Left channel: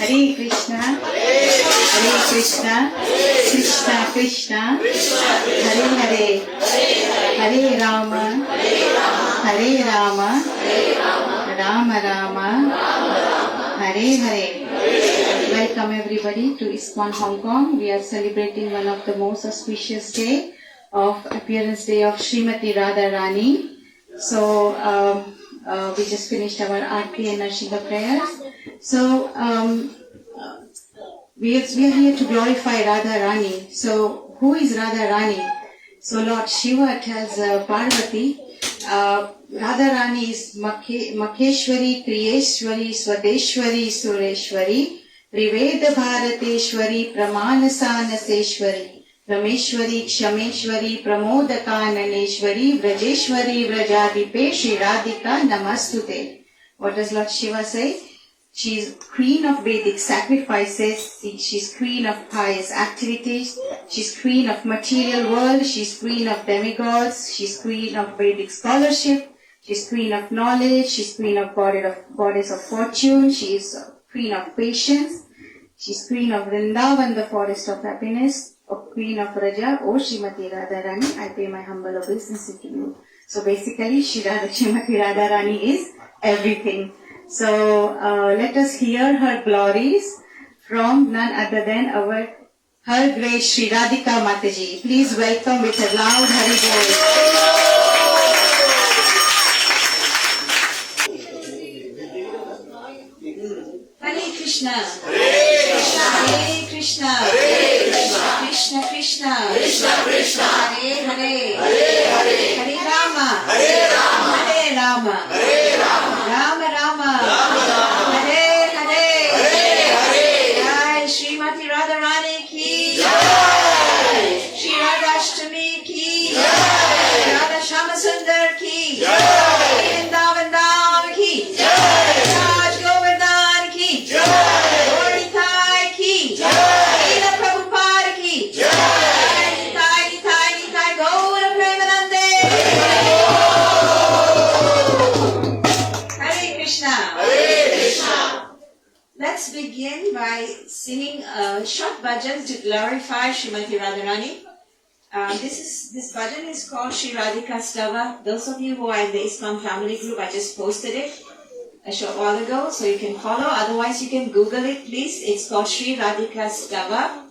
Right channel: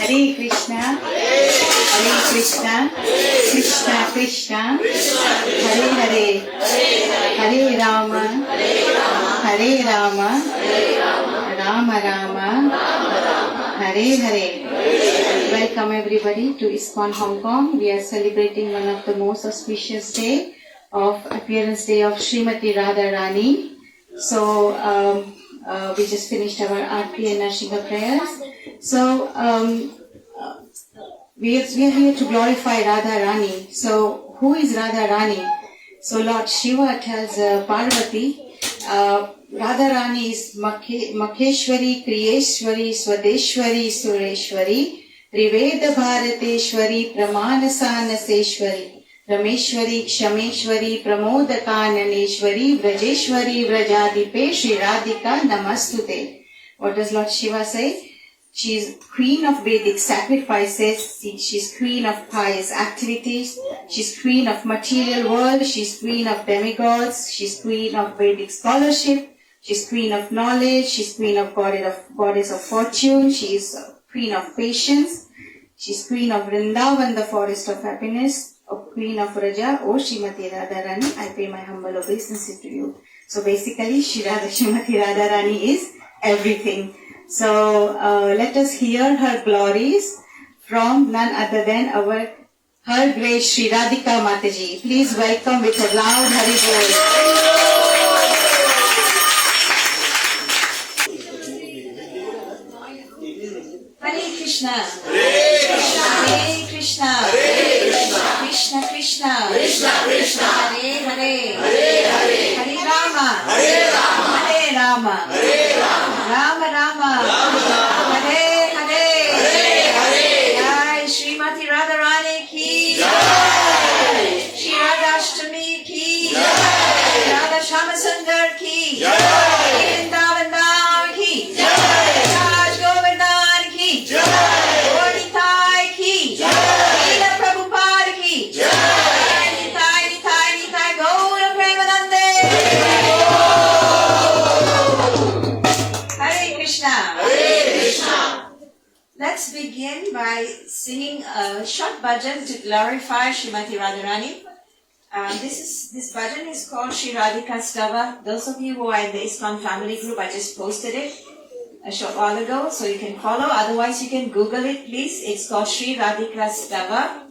Hare Krishna, Hare Krishna, Krishna Krishna, Hare Hare, Hare Rama, Hare Rama, Rama Rama, Hare Hare. Welcome everybody to Iskcon Hong Kong. We are celebrating one of the most auspicious day of appearance day of Srimati Radharani. So we just finished our Aarti and Narsingha prayers. So we are here to glorify Radharani. So who is Radharani? So Lord Shiva tells Parvati, Radharani is Makheshwari, Kriyeshwari, Swadeshwari, Sureshwari, Triveda Bharateshwari, Pramanasanaseshwari, Rameshwari, Kshameshwari, Pramodakananeshwari, Vrajeshwari, Vrajadipe, Shri Radhika Namastute. What does Lord Shiva say? She is queen of Vedic sacrifices, she is queen of pious activities, she is queen of material world, she is queen of demigods, she is queen of Vedic scholarship, she is queen of knowledge, she is queen of goddess of fortune, she is queen of patience, she is queen of Vrindavan, the forest of happiness, queen of Raja, O Srimati Radharani, I pay my humble obeisance to you. So basically, Srimati Radharani is everything. So let us hear her glories from none other than her great Shri Radhika Mataji. Please welcome with a loud Hari Bol. Hare Krishna, Hare Krishna, Krishna Krishna, Hare Hare, Hare Rama, Hare Rama, Rama Rama, Hare Hare, Jai Srimati Radharani ki, Shri Radhastami ki, Radha Shama Sundar ki, Vrindavan Dham ki, Raj Govardhan ki, Gauri Thai ki, Leela Prabhupada ki, Nitai Gaura Premanande. Hare Krishna. Let's begin by singing a short bhajan to glorify Srimati Radharani. This bhajan is called Shri Radhika Stava. Those of you who are in the Iskcon family group, I just posted it a short while ago, so you can follow. Otherwise, you can Google it, please. It's called Shri Radhika Stava.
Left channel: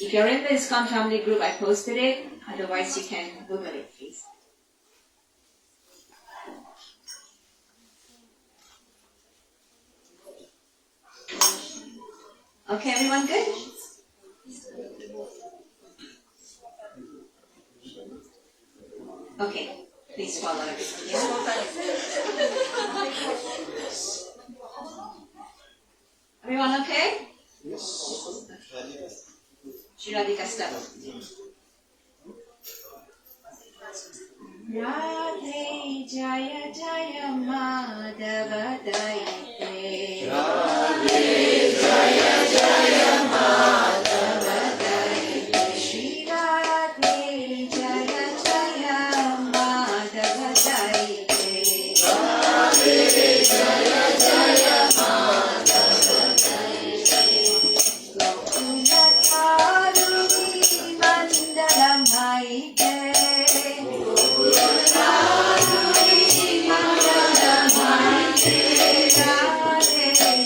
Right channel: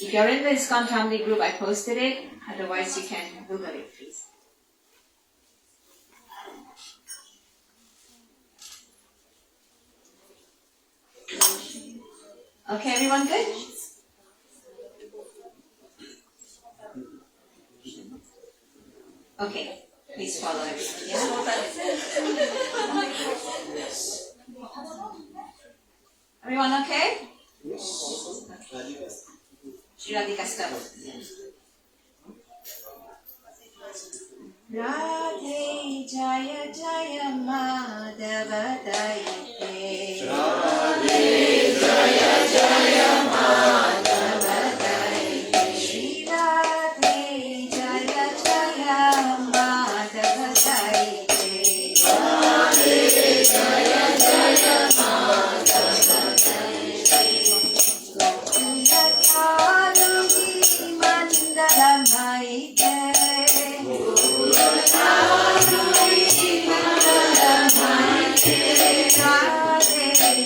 If you're in the Iskcon family group, I posted it. Otherwise, you can Google it, please. Okay, everyone good? Okay, please follow it. Yeah? Everyone okay? Yes. Shri Radhika Stava. Radhe Jaya Jaya Madhava Daite. Radhe Jaya Jaya Madhava Daite. Shri Radhe Jaya Jaya Madhava Daite. Radhe Jaya Jaya Madhava Daite. Gokula Charugi Mandalamaite.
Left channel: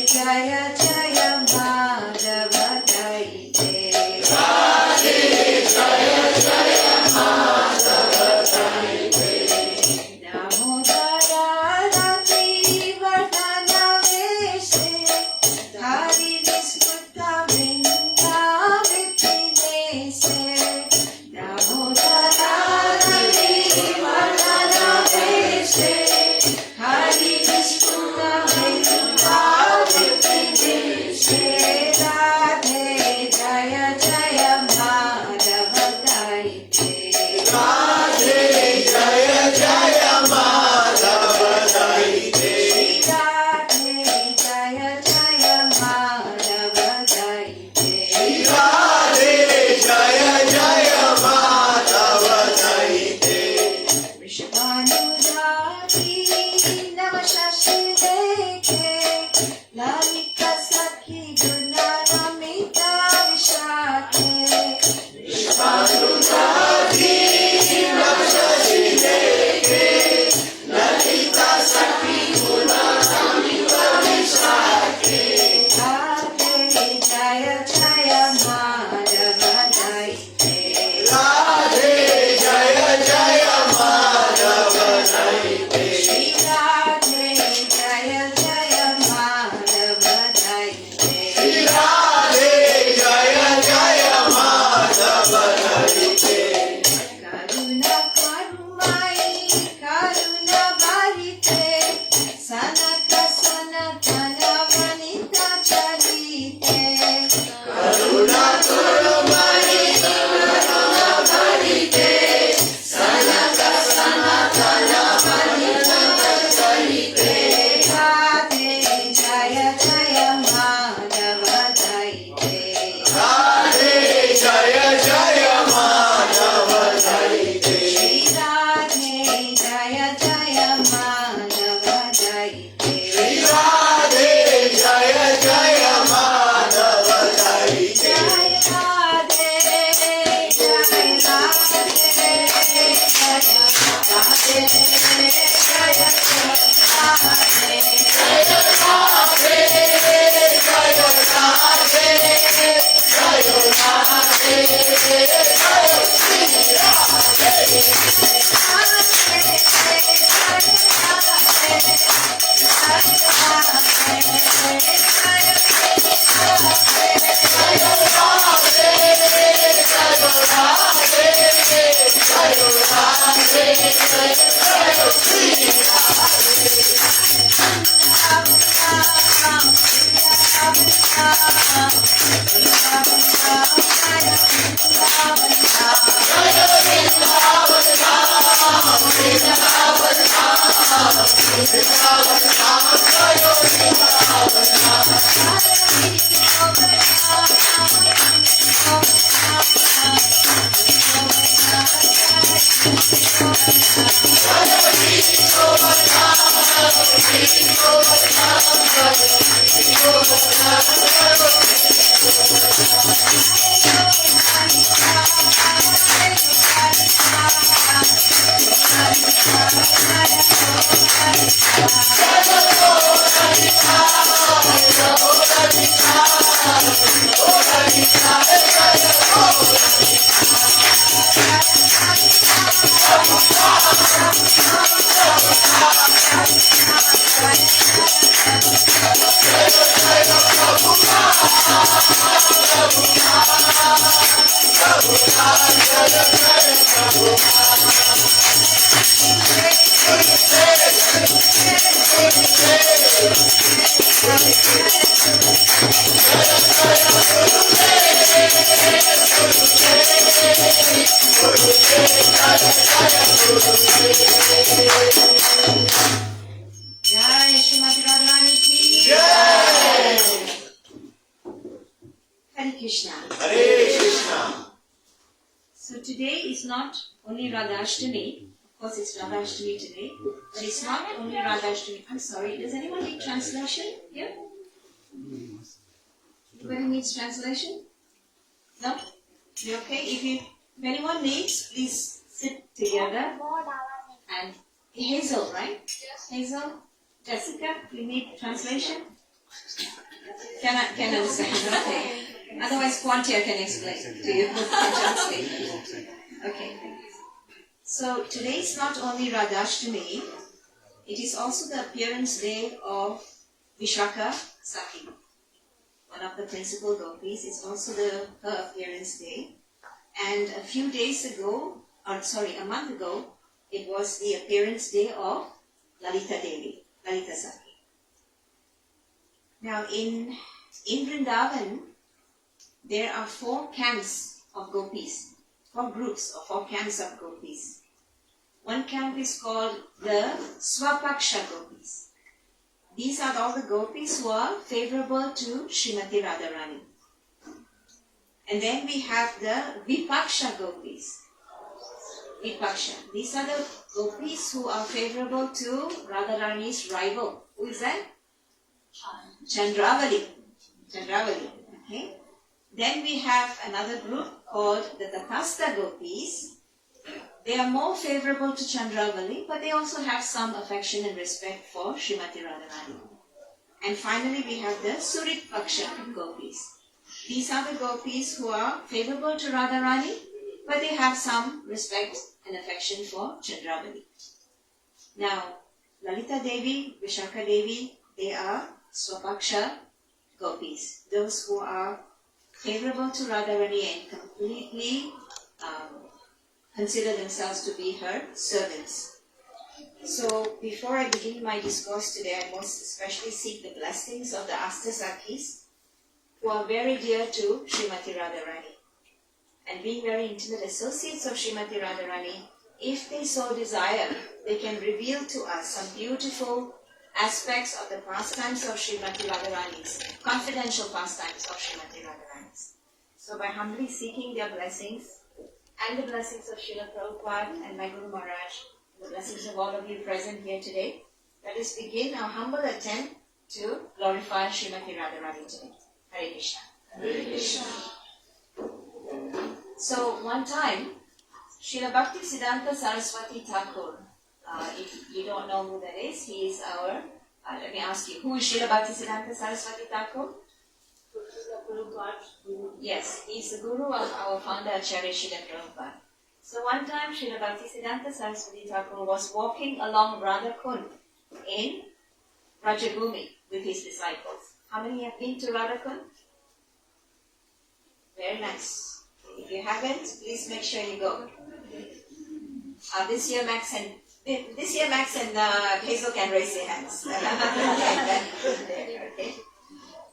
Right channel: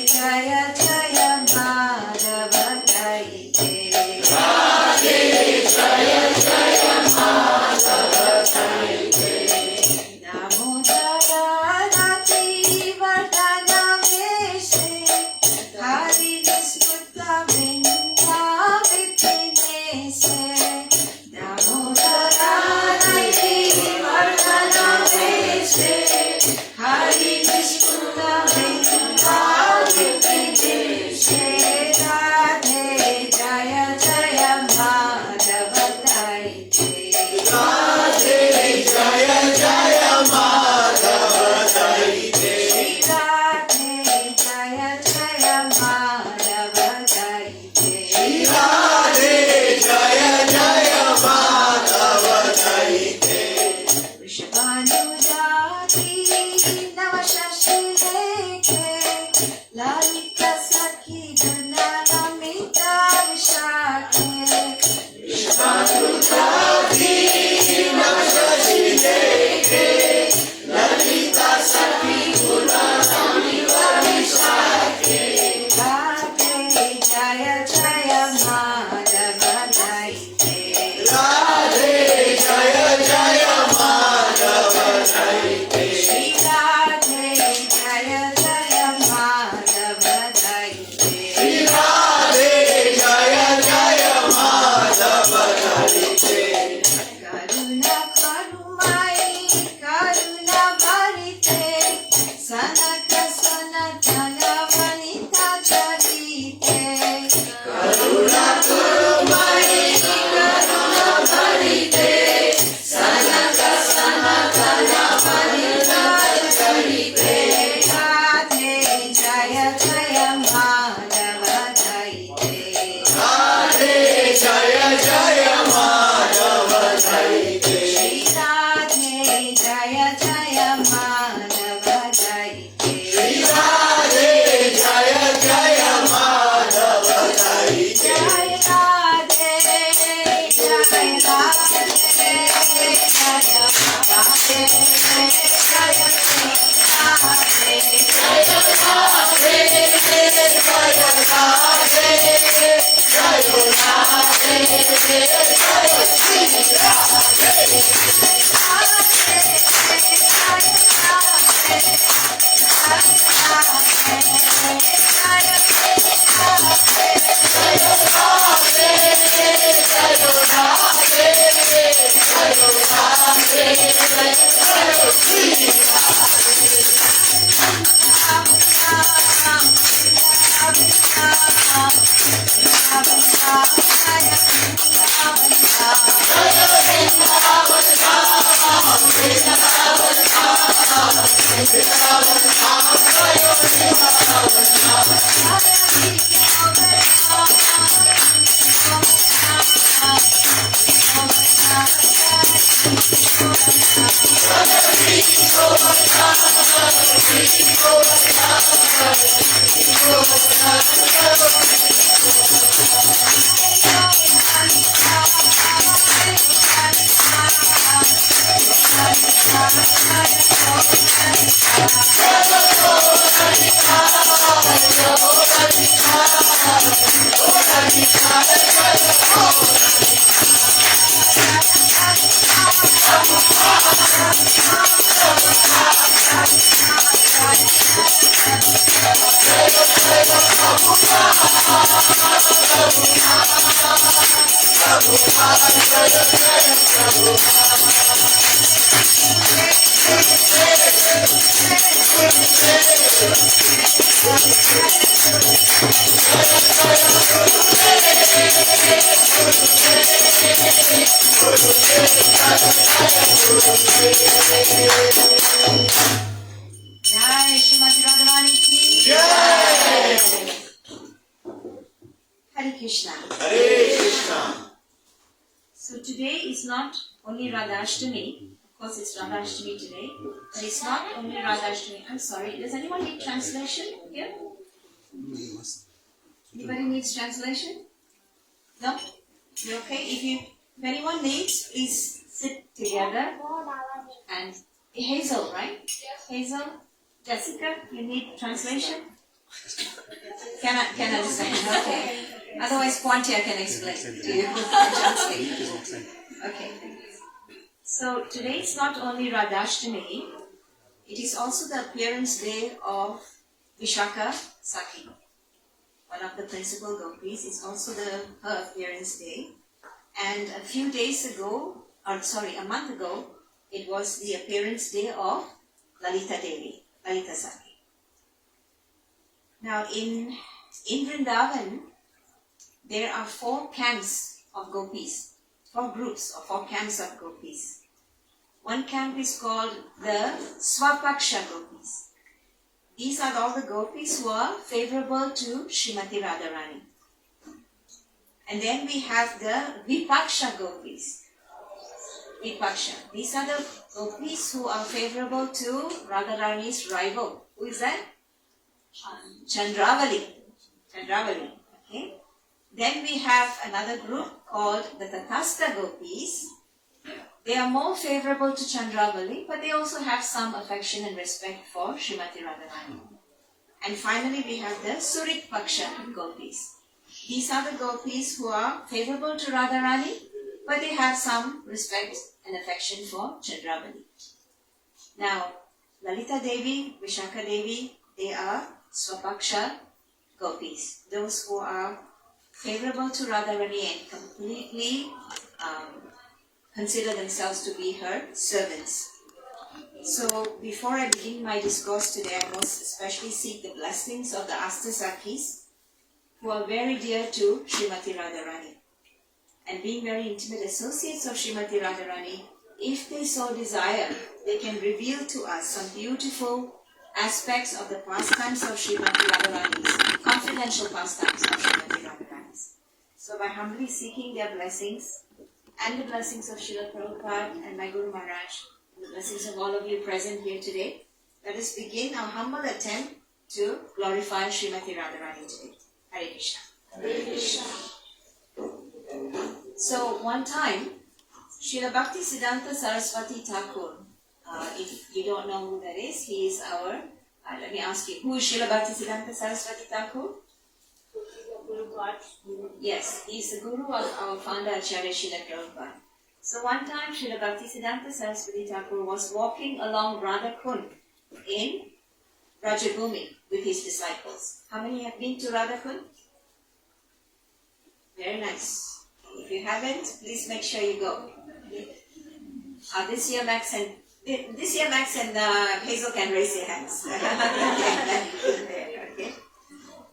Jaya Jaya Madhava Daite. Radhe Jaya Jaya Madhava Daite. Namo Dara Rati Vardhana Vesh Jai Srimati Radharani ki Jai. Hare Krishna. Hare Krishna. So today is not only Radhastami. Of course, it's Radhastami today, but it's not only Radhastami. I'm sorry. Does anyone need translation here? Anybody needs translation? No? You okay? If anyone needs, please sit together. And Hazel, right? Yes. Hazel, Jessica, you need translation? Can understand? Okay. Otherwise, Quantia can explain to you. Translate. Okay. So today is not only Radhastami, it is also the appearance day of Vishaka Sakhi, one of the principal gopis. It's also her appearance day. And a month ago, it was the appearance day of Lalita Devi, Lalita Sakhi. Now in Vrindavan, there are 4 camps of gopis, 4 groups or 4 camps of gopis. One camp is called the Swapaksha gopis. These are all the gopis who are favorable to Srimati Radharani. And then we have the Vipaksha gopis. Vipaksha. These are the gopis who are favorable to Radharani's rival. Who is that? Chandravali. Okay. Then we have another group called the Tatastha gopis. They are more favorable to Chandravali, but they also have some affection and respect for Srimati Radharani. And finally, we have the Surit Paksha gopis. These are the gopis who are favorable to Radharani, but they have some respect and affection for Chandravali. Now, Lalita Devi, Vishaka Devi, they are Swapaksha gopis, those who are favorable to Radharani and completely consider themselves to be her servants. So before I begin my discourse today, I most especially seek the blessings of the Ashtasakis who are very dear to Srimati Radharani. And being very intimate associates of Srimati Radharani, if they so desire, they can reveal to us some beautiful aspects of the pastimes of Srimati Radharani's, confidential pastimes of Srimati Radharani's. So by humbly seeking their blessings, and the blessings of Srila Prabhupada and my Guru Maharaj, the blessings of all of you present here today, let us begin our humble attempt to glorify Srimati Radharani today. Hare Krishna. Hare Krishna. So one time, Srila Bhakti Siddhanta Saraswati Thakur, if you don't know who that is, he is our, let me ask you, who is Srila Bhakti Siddhanta Saraswati Thakur? Yes, he is the guru of our founder Acharya Srila Prabhupada. So one time Srila Bhakti Siddhanta Saraswati Thakur was walking along Radhakund in Rajabhumi with his disciples. How many have been to Radhakund? Very nice. If you haven't, please make sure you go. This year Max and Hazel can raise their hands. Okay.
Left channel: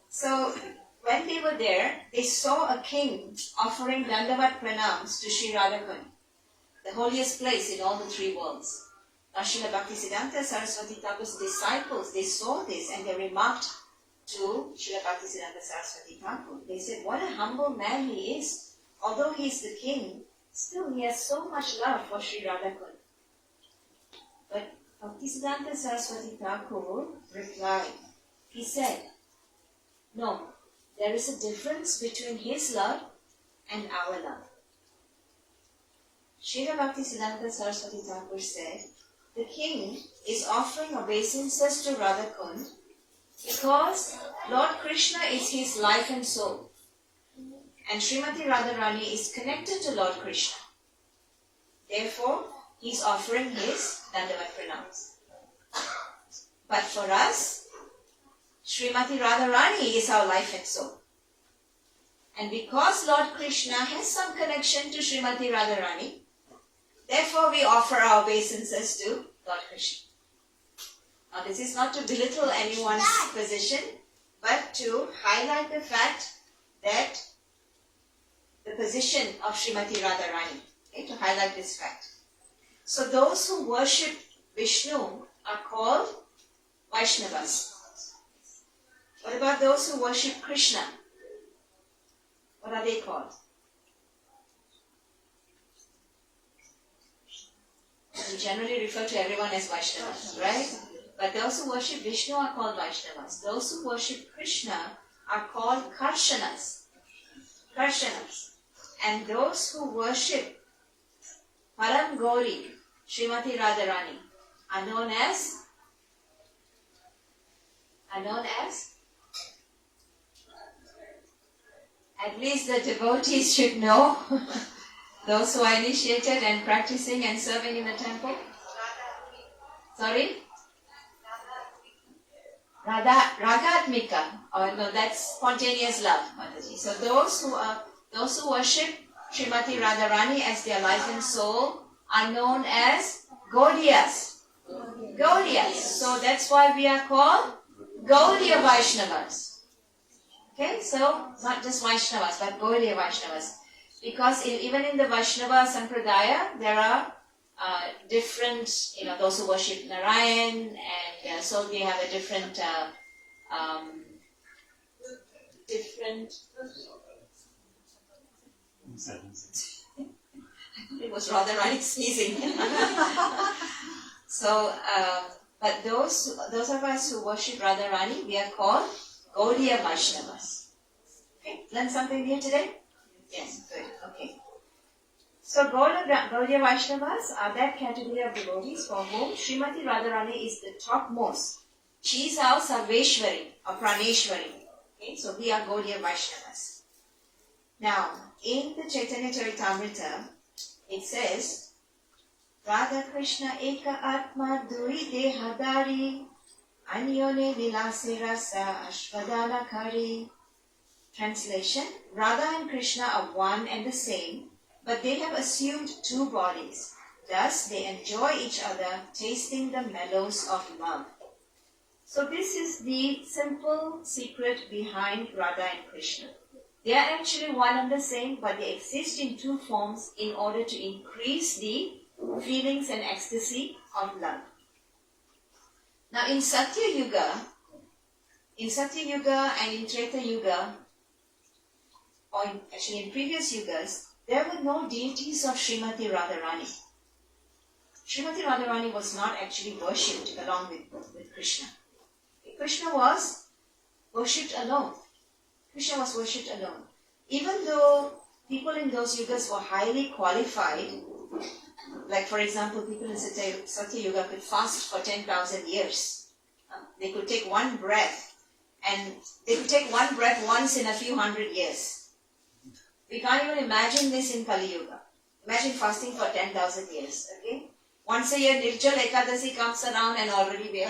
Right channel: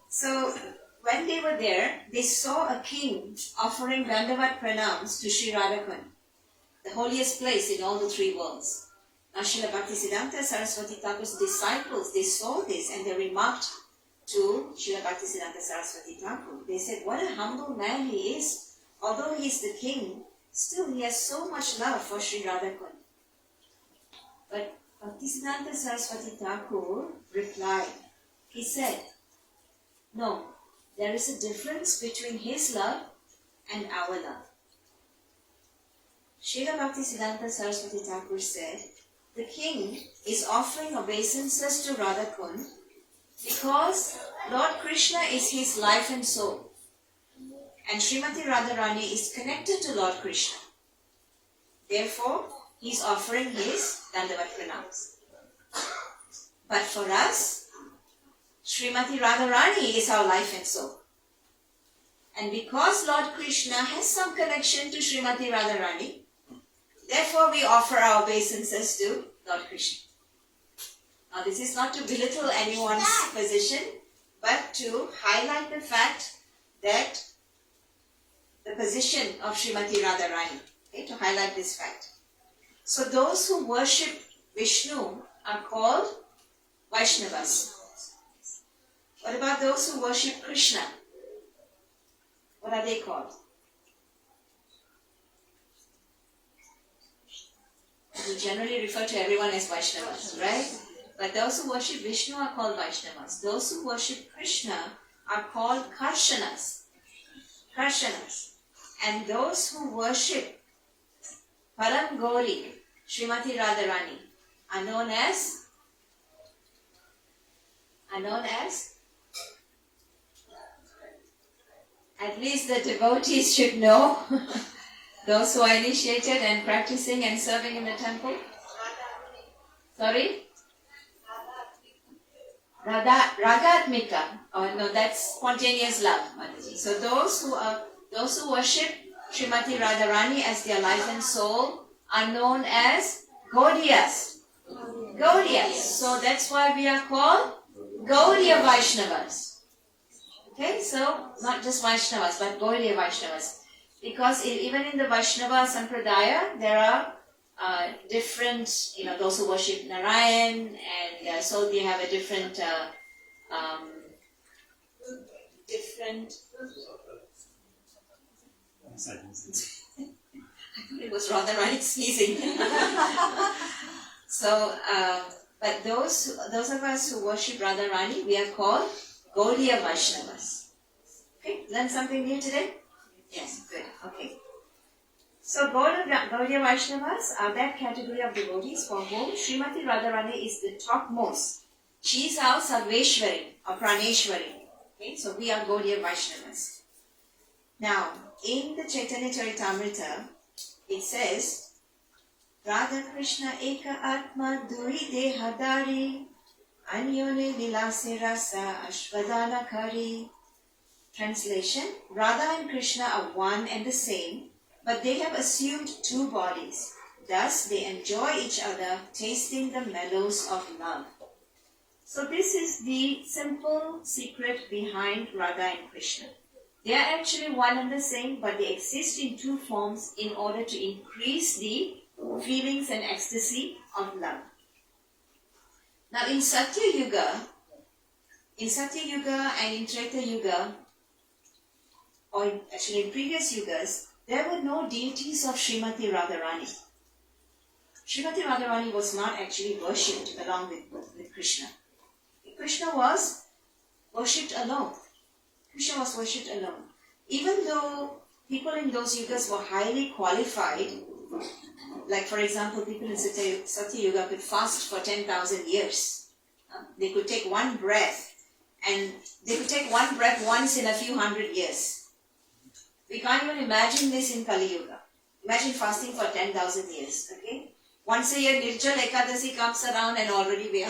So when they were there, they saw a king offering Dandavat pranams to Sri Radhakund, the holiest place in all the three worlds. Now Srila Bhaktisiddhanta Saraswati Thakur's disciples, they saw this and they remarked to Srila Bhaktisiddhanta Saraswati Thakur. They said, what a humble man he is. Although he is the king, still he has so much love for Sri Radhakund. But Bhaktisiddhanta Saraswati Thakur replied, he said, no, there is a difference between his love and our love. Srila Bhaktisiddhanta Saraswati Thakur said, the king is offering obeisances to Radhakund because Lord Krishna is his life and soul. And Srimati Radharani is connected to Lord Krishna. Therefore, he is offering his Dandavat pranams. But for us, Srimati Radharani is our life and soul. And because Lord Krishna has some connection to Srimati Radharani, therefore we offer our obeisances to Lord Krishna. Now this is not to belittle anyone's position, but to highlight the fact that the position of Srimati Radharani, okay, to highlight this fact. So those who worship Vishnu are called Vaishnavas. What about those who worship Krishna? What are they called? We generally refer to everyone as Vaishnavas, right? But those who worship Vishnu are called Vaishnavas. Those who worship Krishna are called Karshanas. Karshanas. And those who worship Param Gauri, Srimati Radharani, are known as at least the devotees should know, those who are initiated and practicing and serving in the temple. Sorry? Ragatmika. Oh no, that's spontaneous love, Mataji. So those who worship Srimati Radharani as their life and soul are known as Gaudiyas. Gaudiyas. So that's why we are called Gaudiya Vaishnavas. Okay, so not just Vaishnavas, but Gaudiya Vaishnavas. Because even in the Vaishnava Sampradaya, there are different, those who worship Narayan, and so they have a different it was rather right sneezing. So, but those of us who worship Radharani, we are called Gaudiya Vaishnavas. Okay, learn something new today? Yes, good. Okay. So Gaudiya Vaishnavas are that category of devotees for whom Srimati Radharani is the topmost. She is our Sarveshwari or Praneshwari. Okay, so we are Gaudiya Vaishnavas. Now, in the Chaitanya Charitamrita, it says, Radha Krishna Eka Atma Dui Dehadari Anyone Nilase Rasa Ashvadana Kari. Translation, Radha and Krishna are one and the same, but they have assumed two bodies. Thus, they enjoy each other, tasting the mellows of love. So this is the simple secret behind Radha and Krishna. They are actually one and the same, but they exist in two forms in order to increase the feelings and ecstasy of love. Now in Satya Yuga and in Treta Yuga, or actually in previous yugas, there were no deities of Srimati Radharani. Srimati Radharani was not actually worshipped along with Krishna. Krishna was worshipped alone. Krishna was worshipped alone. Even though people in those yugas were highly qualified, like for example, people in Satya Yuga could fast for 10,000 years. They could take one breath, and they could take one breath once in a few hundred years. We can't even imagine this in Kali Yuga. Imagine fasting for 10,000 years, okay? Once a year, Nirjal Ekadasi comes around and already we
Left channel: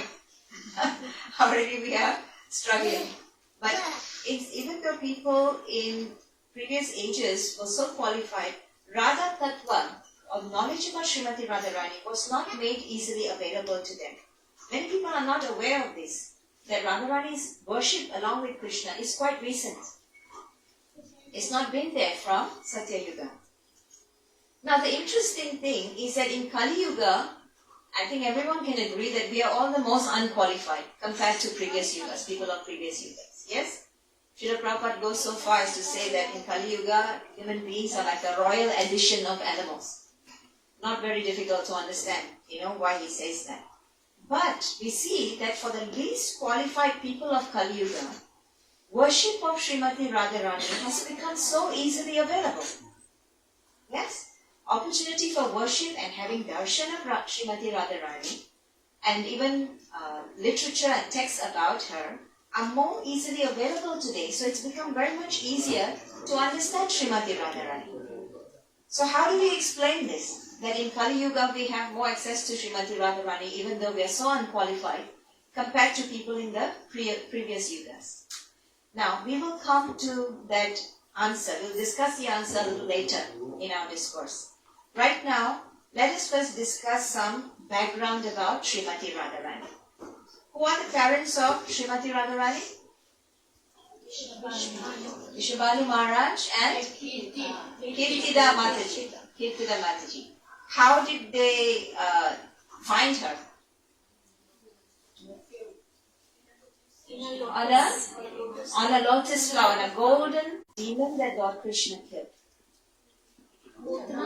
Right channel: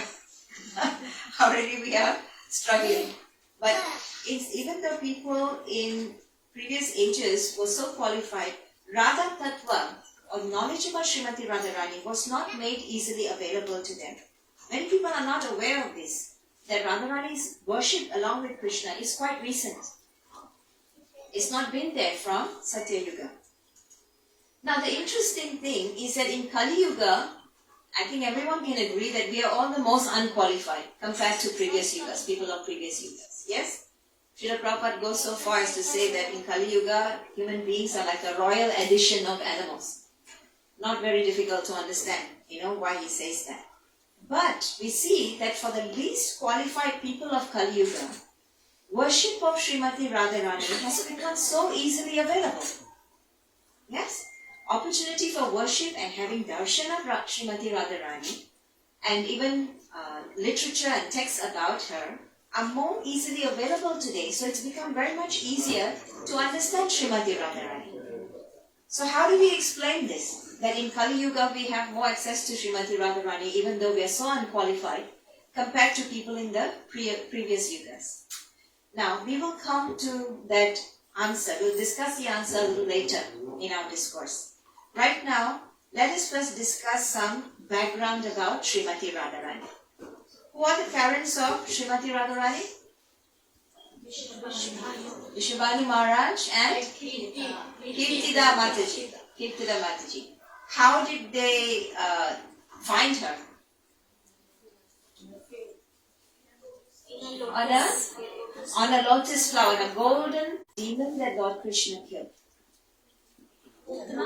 are struggling. But even though people in previous ages were so qualified, Radha Tattva, or knowledge about Srimati Radharani, was not made easily available to them. Many people are not aware of this, that Radharani's worship along with Krishna is quite recent. It's not been there from Satya Yuga. Now the interesting thing is that in Kali Yuga, I think everyone can agree that we are all the most unqualified compared to previous yugas, people of previous yugas. Yes? Srila Prabhupada goes so far as to say that in Kali Yuga, human beings are like a royal addition of animals. Not very difficult to understand, why he says that. But we see that for the least qualified people of Kali Yuga, worship of Srimati Radharani has become so easily available. Yes? Opportunity for worship and having darshan of Srimati Radharani, and even literature and texts about her are more easily available today. So it's become very much easier to understand Srimati Radharani. So how do we explain this? That in Kali Yuga we have more access to Srimati Radharani even though we are so unqualified compared to people in the previous yugas. Now we will come to that answer. We'll discuss the answer a little later in our discourse. Right now, let us first discuss some background about Srimati Radharani. Who are the parents of Srimati Radharani? Vishwabali Maharaj and Kirtida Mataji. How did they find her? On a lotus flower, a golden demon that Lord Krishna killed.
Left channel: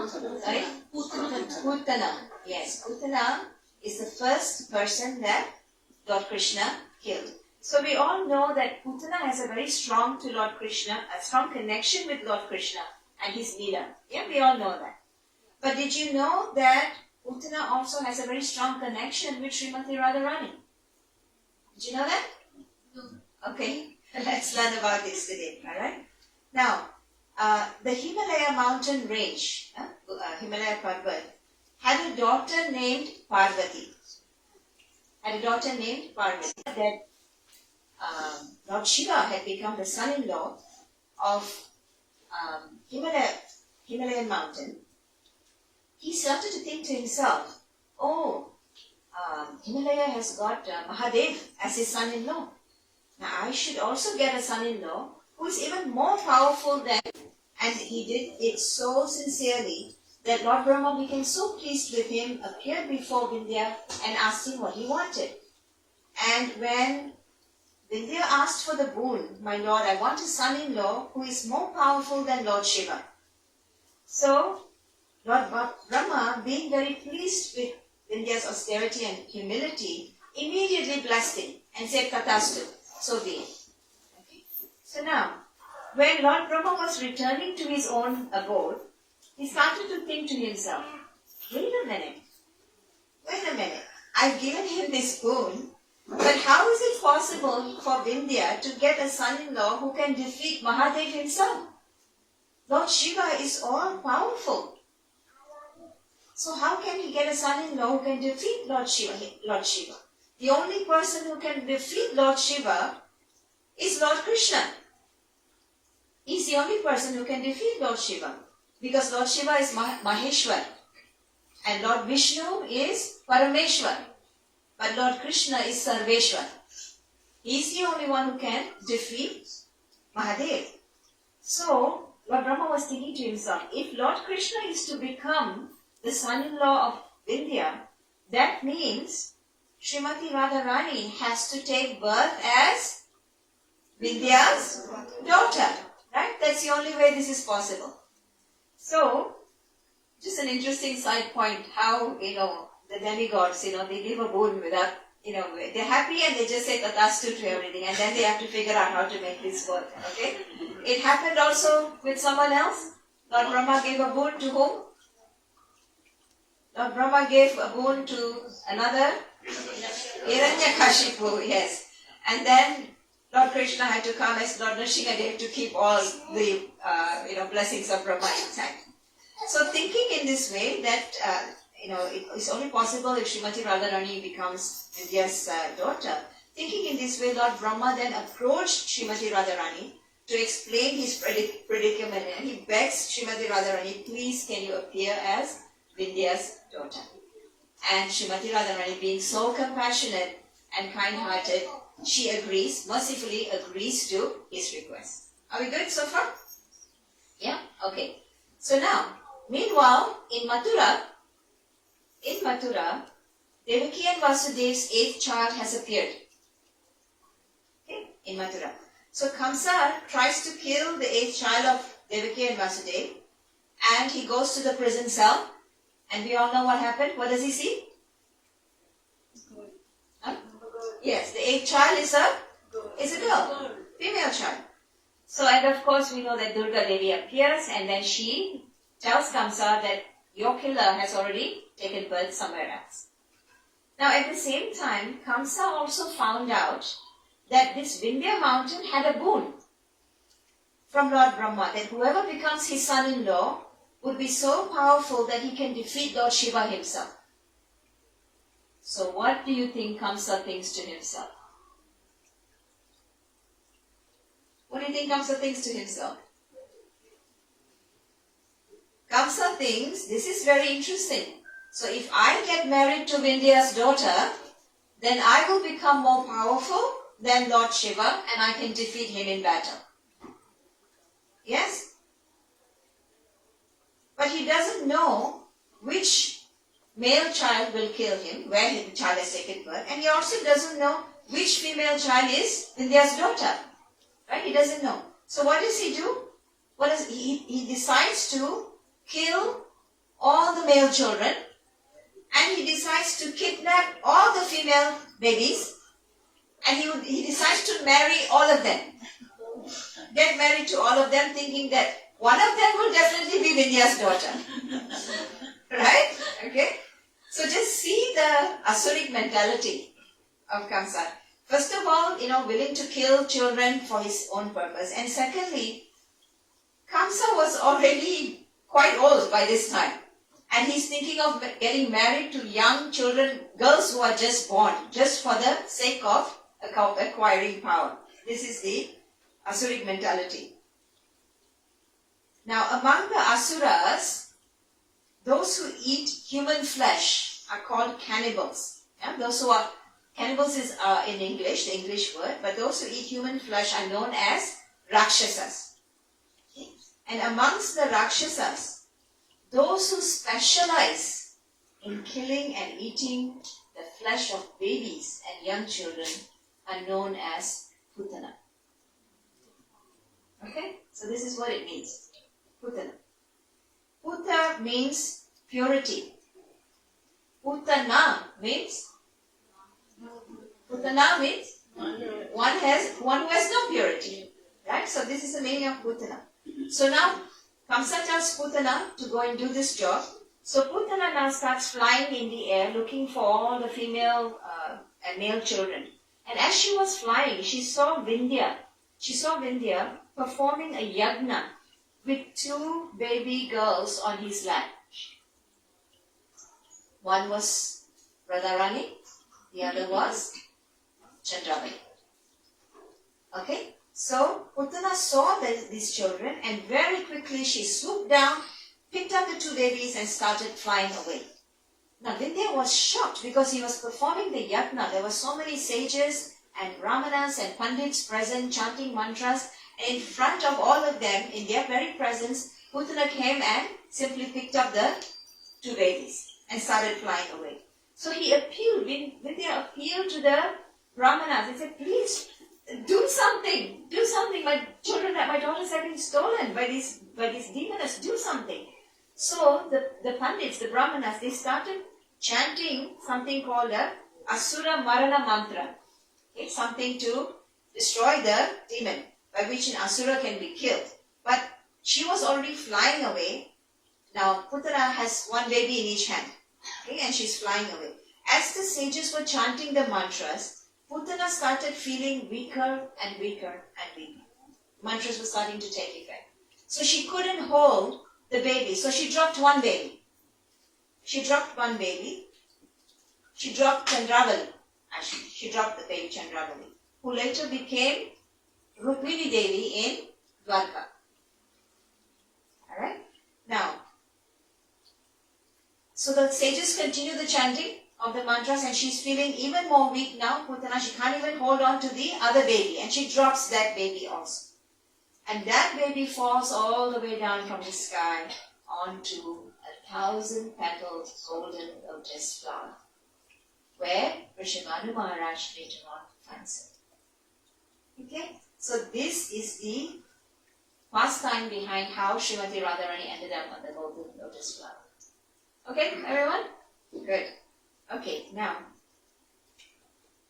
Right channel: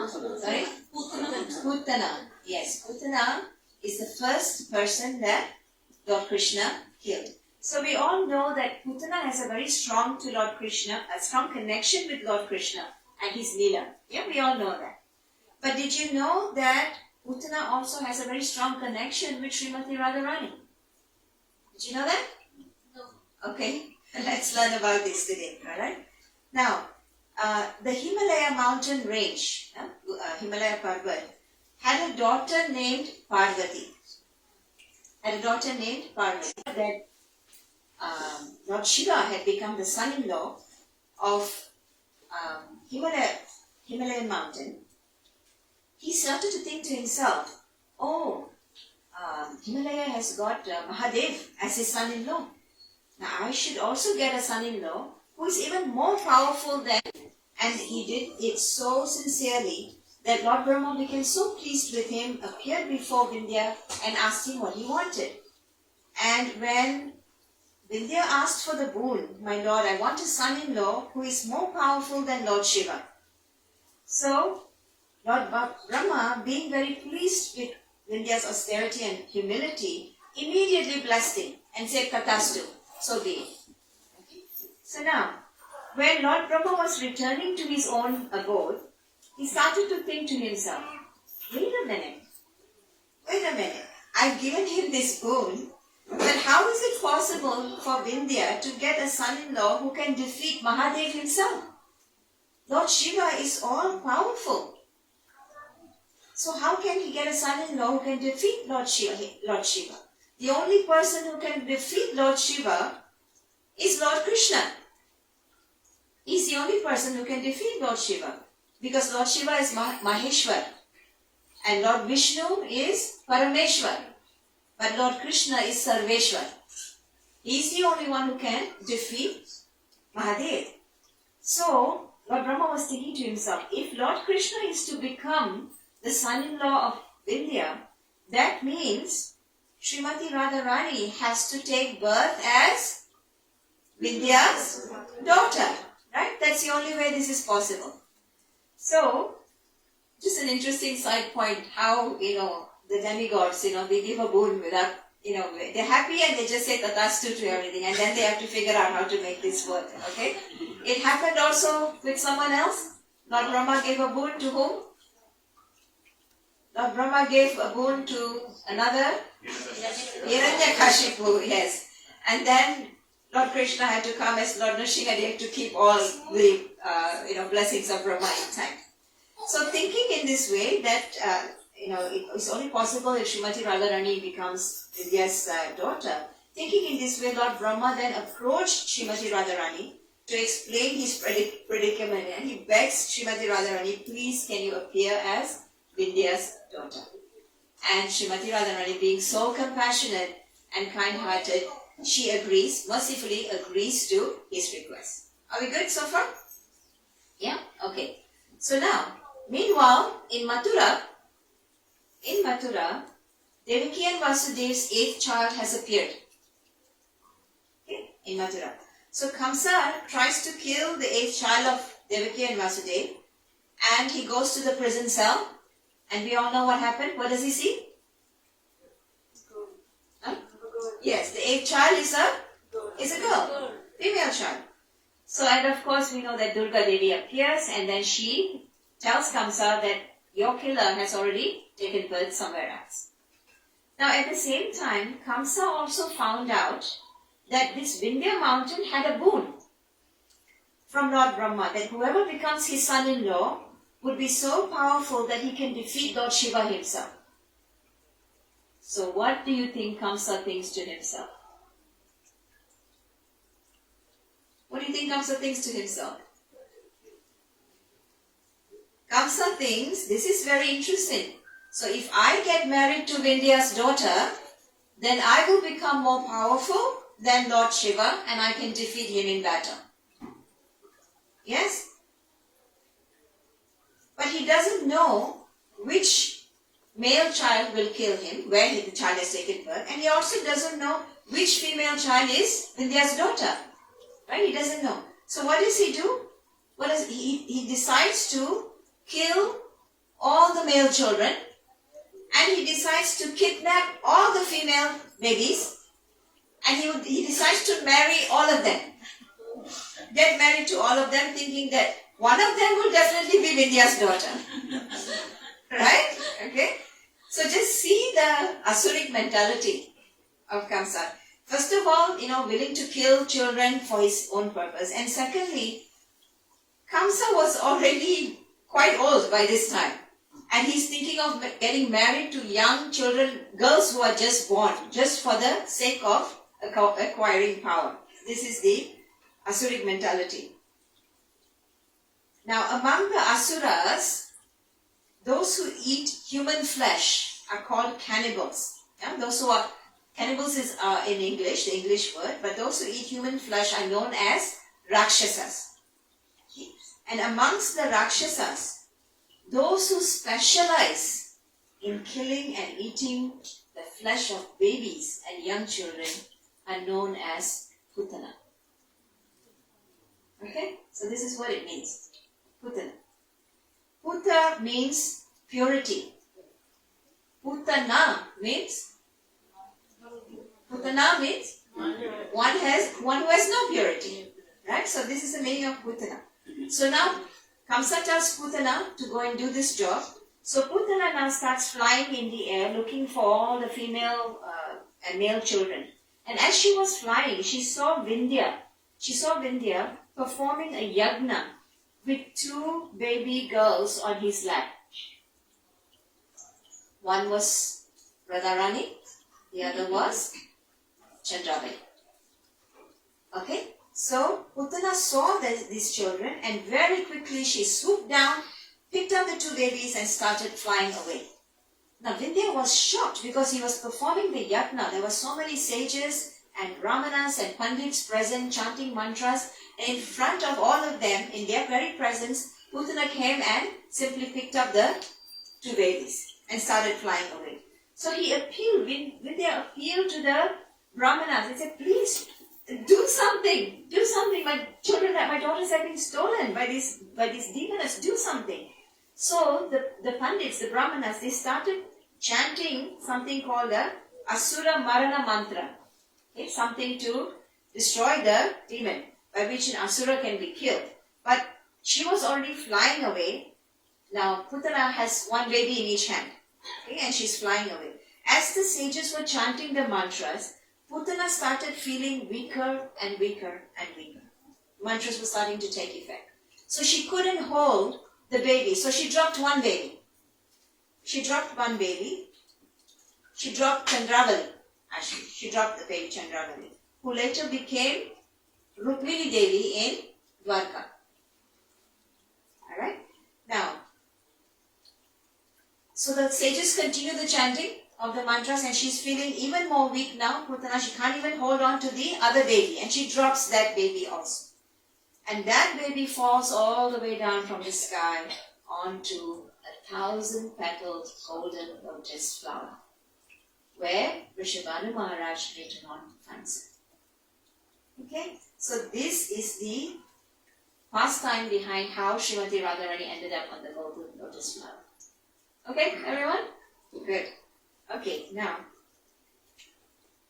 Sorry? Putana. Yes, Putana is the first person that Lord Krishna killed. So we all know that Putana has a very strong to Lord Krishna, a strong connection with Lord Krishna and his Leela. Yeah, we all know that. But did you know that Putana also has a very strong connection with Srimati Radharani? Did you know that? No. Okay, let's learn about this today, alright? Now, the Himalaya mountain range, Himalaya Parvat, had a daughter named Parvati. That Lord Shiva had become the son-in-law of Himalayan mountain. He started to think to himself, Himalaya has got Mahadev as his son-in-law. Now I should also get a son-in-law who is even more powerful than, and he did it so sincerely that Lord Brahma became so pleased with him, appeared before Vindhya and asked him what he wanted. And when Vindhya asked for the boon, my Lord, I want a son-in-law who is more powerful than Lord Shiva. So Lord Brahma, being very pleased with Vindhya's austerity and humility, immediately blessed him and said, Tatastu, so be it. Okay. So now, when Lord Brahma was returning to his own abode, he started to think to himself, wait a minute, I've given him this boon, but how is it possible for Vindhya to get a son-in-law who can defeat Mahadev himself? Lord Shiva is all powerful. So how can he get a son-in-law who can defeat Lord Shiva? The only person who can defeat Lord Shiva is Lord Krishna. He's the only person who can defeat Lord Shiva. Because Lord Shiva is Maheshwar. And Lord Vishnu is Parameshwar. But Lord Krishna is Sarveshwar. He's the only one who can defeat Mahadev. So, Lord Brahma was thinking to himself, if Lord Krishna is to become the son-in-law of Vindhya, that means Srimati Radharani has to take birth as Vindhya's daughter. Right? That's the only way this is possible. So, just an interesting side point, how, the demigods, they give a boon without, they're happy and they just say tatastu to everything, and then they have to figure out how to make this work, okay? It happened also with someone else. Lord Brahma gave a boon to whom? Lord Brahma gave a boon to another? Hiranyakashipu, yes. And then Lord Krishna had to come as Lord Nrsimhadev to keep all the, blessings of Brahma intact. So thinking in this way that, it's only possible if Srimati Radharani becomes Vindhya's daughter. Thinking in this way, Lord Brahma then approached Srimati Radharani to explain his predicament, and he begs Srimati Radharani, please can you appear as Vindhya's daughter? And Srimati Radharani, being so compassionate and kind-hearted, she mercifully agrees to his request. Are we good so far? Yeah? Okay. So now, meanwhile, in Mathura, Devaki and Vasudev's 8th child has appeared. Okay, in Mathura. So Kamsa tries to kill the 8th child of Devaki and Vasudev, and he goes to the prison cell, and we all know what happened. What does he see? Huh? Yes, the 8th child is a girl, female child. So, and of course we know that Durga Devi appears, and then she tells Kamsa that your killer has already taken birth somewhere else. Now at the same time, Kamsa also found out that this Vindhya mountain had a boon from Lord Brahma, that whoever becomes his son-in-law would be so powerful that he can defeat Lord Shiva himself. So what do you think Kamsa thinks to himself? What do you think Kamsa thinks to himself? Kamsa thinks, this is very interesting. So if I get married to Vindhya's daughter, then I will become more powerful than Lord Shiva and I can defeat him in battle. Yes? But he doesn't know which male child will kill him, where the child has taken birth, and he also doesn't know which female child is Vindhya's daughter. Right? He doesn't know. So what does he do? He decides to kill all the male children, and he decides to kidnap all the female babies, and he decides to marry all of them. Get married to all of them, thinking that one of them will definitely be Vindhya's daughter. Right? Okay? So just see the Asuric mentality of Kamsa. First of all, willing to kill children for his own purpose. And secondly, Kamsa was already quite old by this time. And he's thinking of getting married to young children, girls who are just born, just for the sake of acquiring power. This is the Asuric mentality. Now, among the Asuras, those who eat human flesh are called cannibals. Yeah? Those who are cannibals is in English, the English word, but those who eat human flesh are known as Rakshasas. Okay? And amongst the Rakshasas, those who specialize in killing and eating the flesh of babies and young children are known as Putana. Okay? So this is what it means. Putana. Puta means purity. Putana means one who has no purity. Right? So this is the meaning of Putana. So now Kamsa tells Putana to go and do this job. So Putana now starts flying in the air looking for all the female and male children. And as she was flying, she saw Vindhya performing a yagna with 2 baby girls on his lap. One was Radharani, the other was Chandrabali. Okay? So Putana saw these children, and very quickly she swooped down, picked up the 2 babies and started flying away. Now Vindhya was shocked because he was performing the yatna. There were so many sages and brahmanas and pandits present chanting mantras. And in front of all of them, in their very presence, Putana came and simply picked up the two babies and started flying away. So he appealed, Vindhya appealed to the brahmanas. He said, please do something. My children, my daughters have been stolen by these demons. Do something. So the pandits, the brahmanas, they started chanting something called the Asura Marana Mantra. Okay, something to destroy the demon, by which an Asura can be killed. But she was already flying away. Now Putana has one baby in each hand. Okay, and she's flying away. As the sages were chanting the mantras, Putana started feeling weaker and weaker and weaker. Mantras were starting to take effect. So she couldn't hold the baby. So she dropped one baby. She dropped Chandravali. Actually, she dropped the baby Chandravali, who later became Rukmini Devi in Dwarka. Alright? Now, so the sages continue the chanting of the mantras and she's feeling even more weak now. Putana, she can't even hold on to the other baby and she drops that baby also. And that baby falls all the way down from the sky onto 1,000-petaled golden lotus flower, where Rishabhanu Maharaj later on finds it. Okay? So this is the pastime behind how Srimati Radharani ended up on the golden lotus flower. Okay, everyone? Good. Okay, now,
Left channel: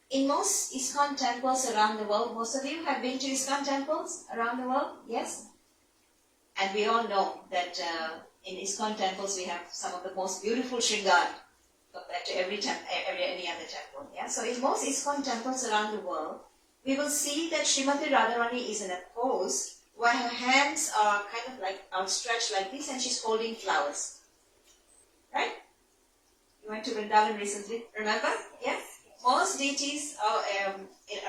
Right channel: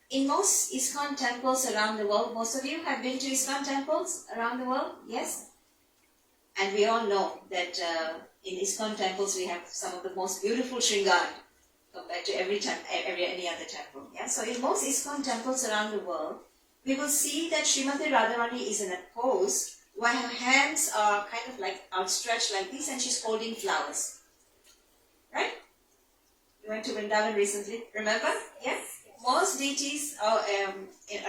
in most Iskcon temples around the world, most of you have been to Iskcon temples around the world? Yes? And we all know that in Iskcon temples we have some of the most beautiful shringar compared to any other temple. Yeah? So in most Iskcon temples around the world, we will see that Srimati Radharani is in a pose where her hands are kind of like outstretched like this and she's holding flowers. Right? You went to Vrindavan recently, remember? Yes? Most deities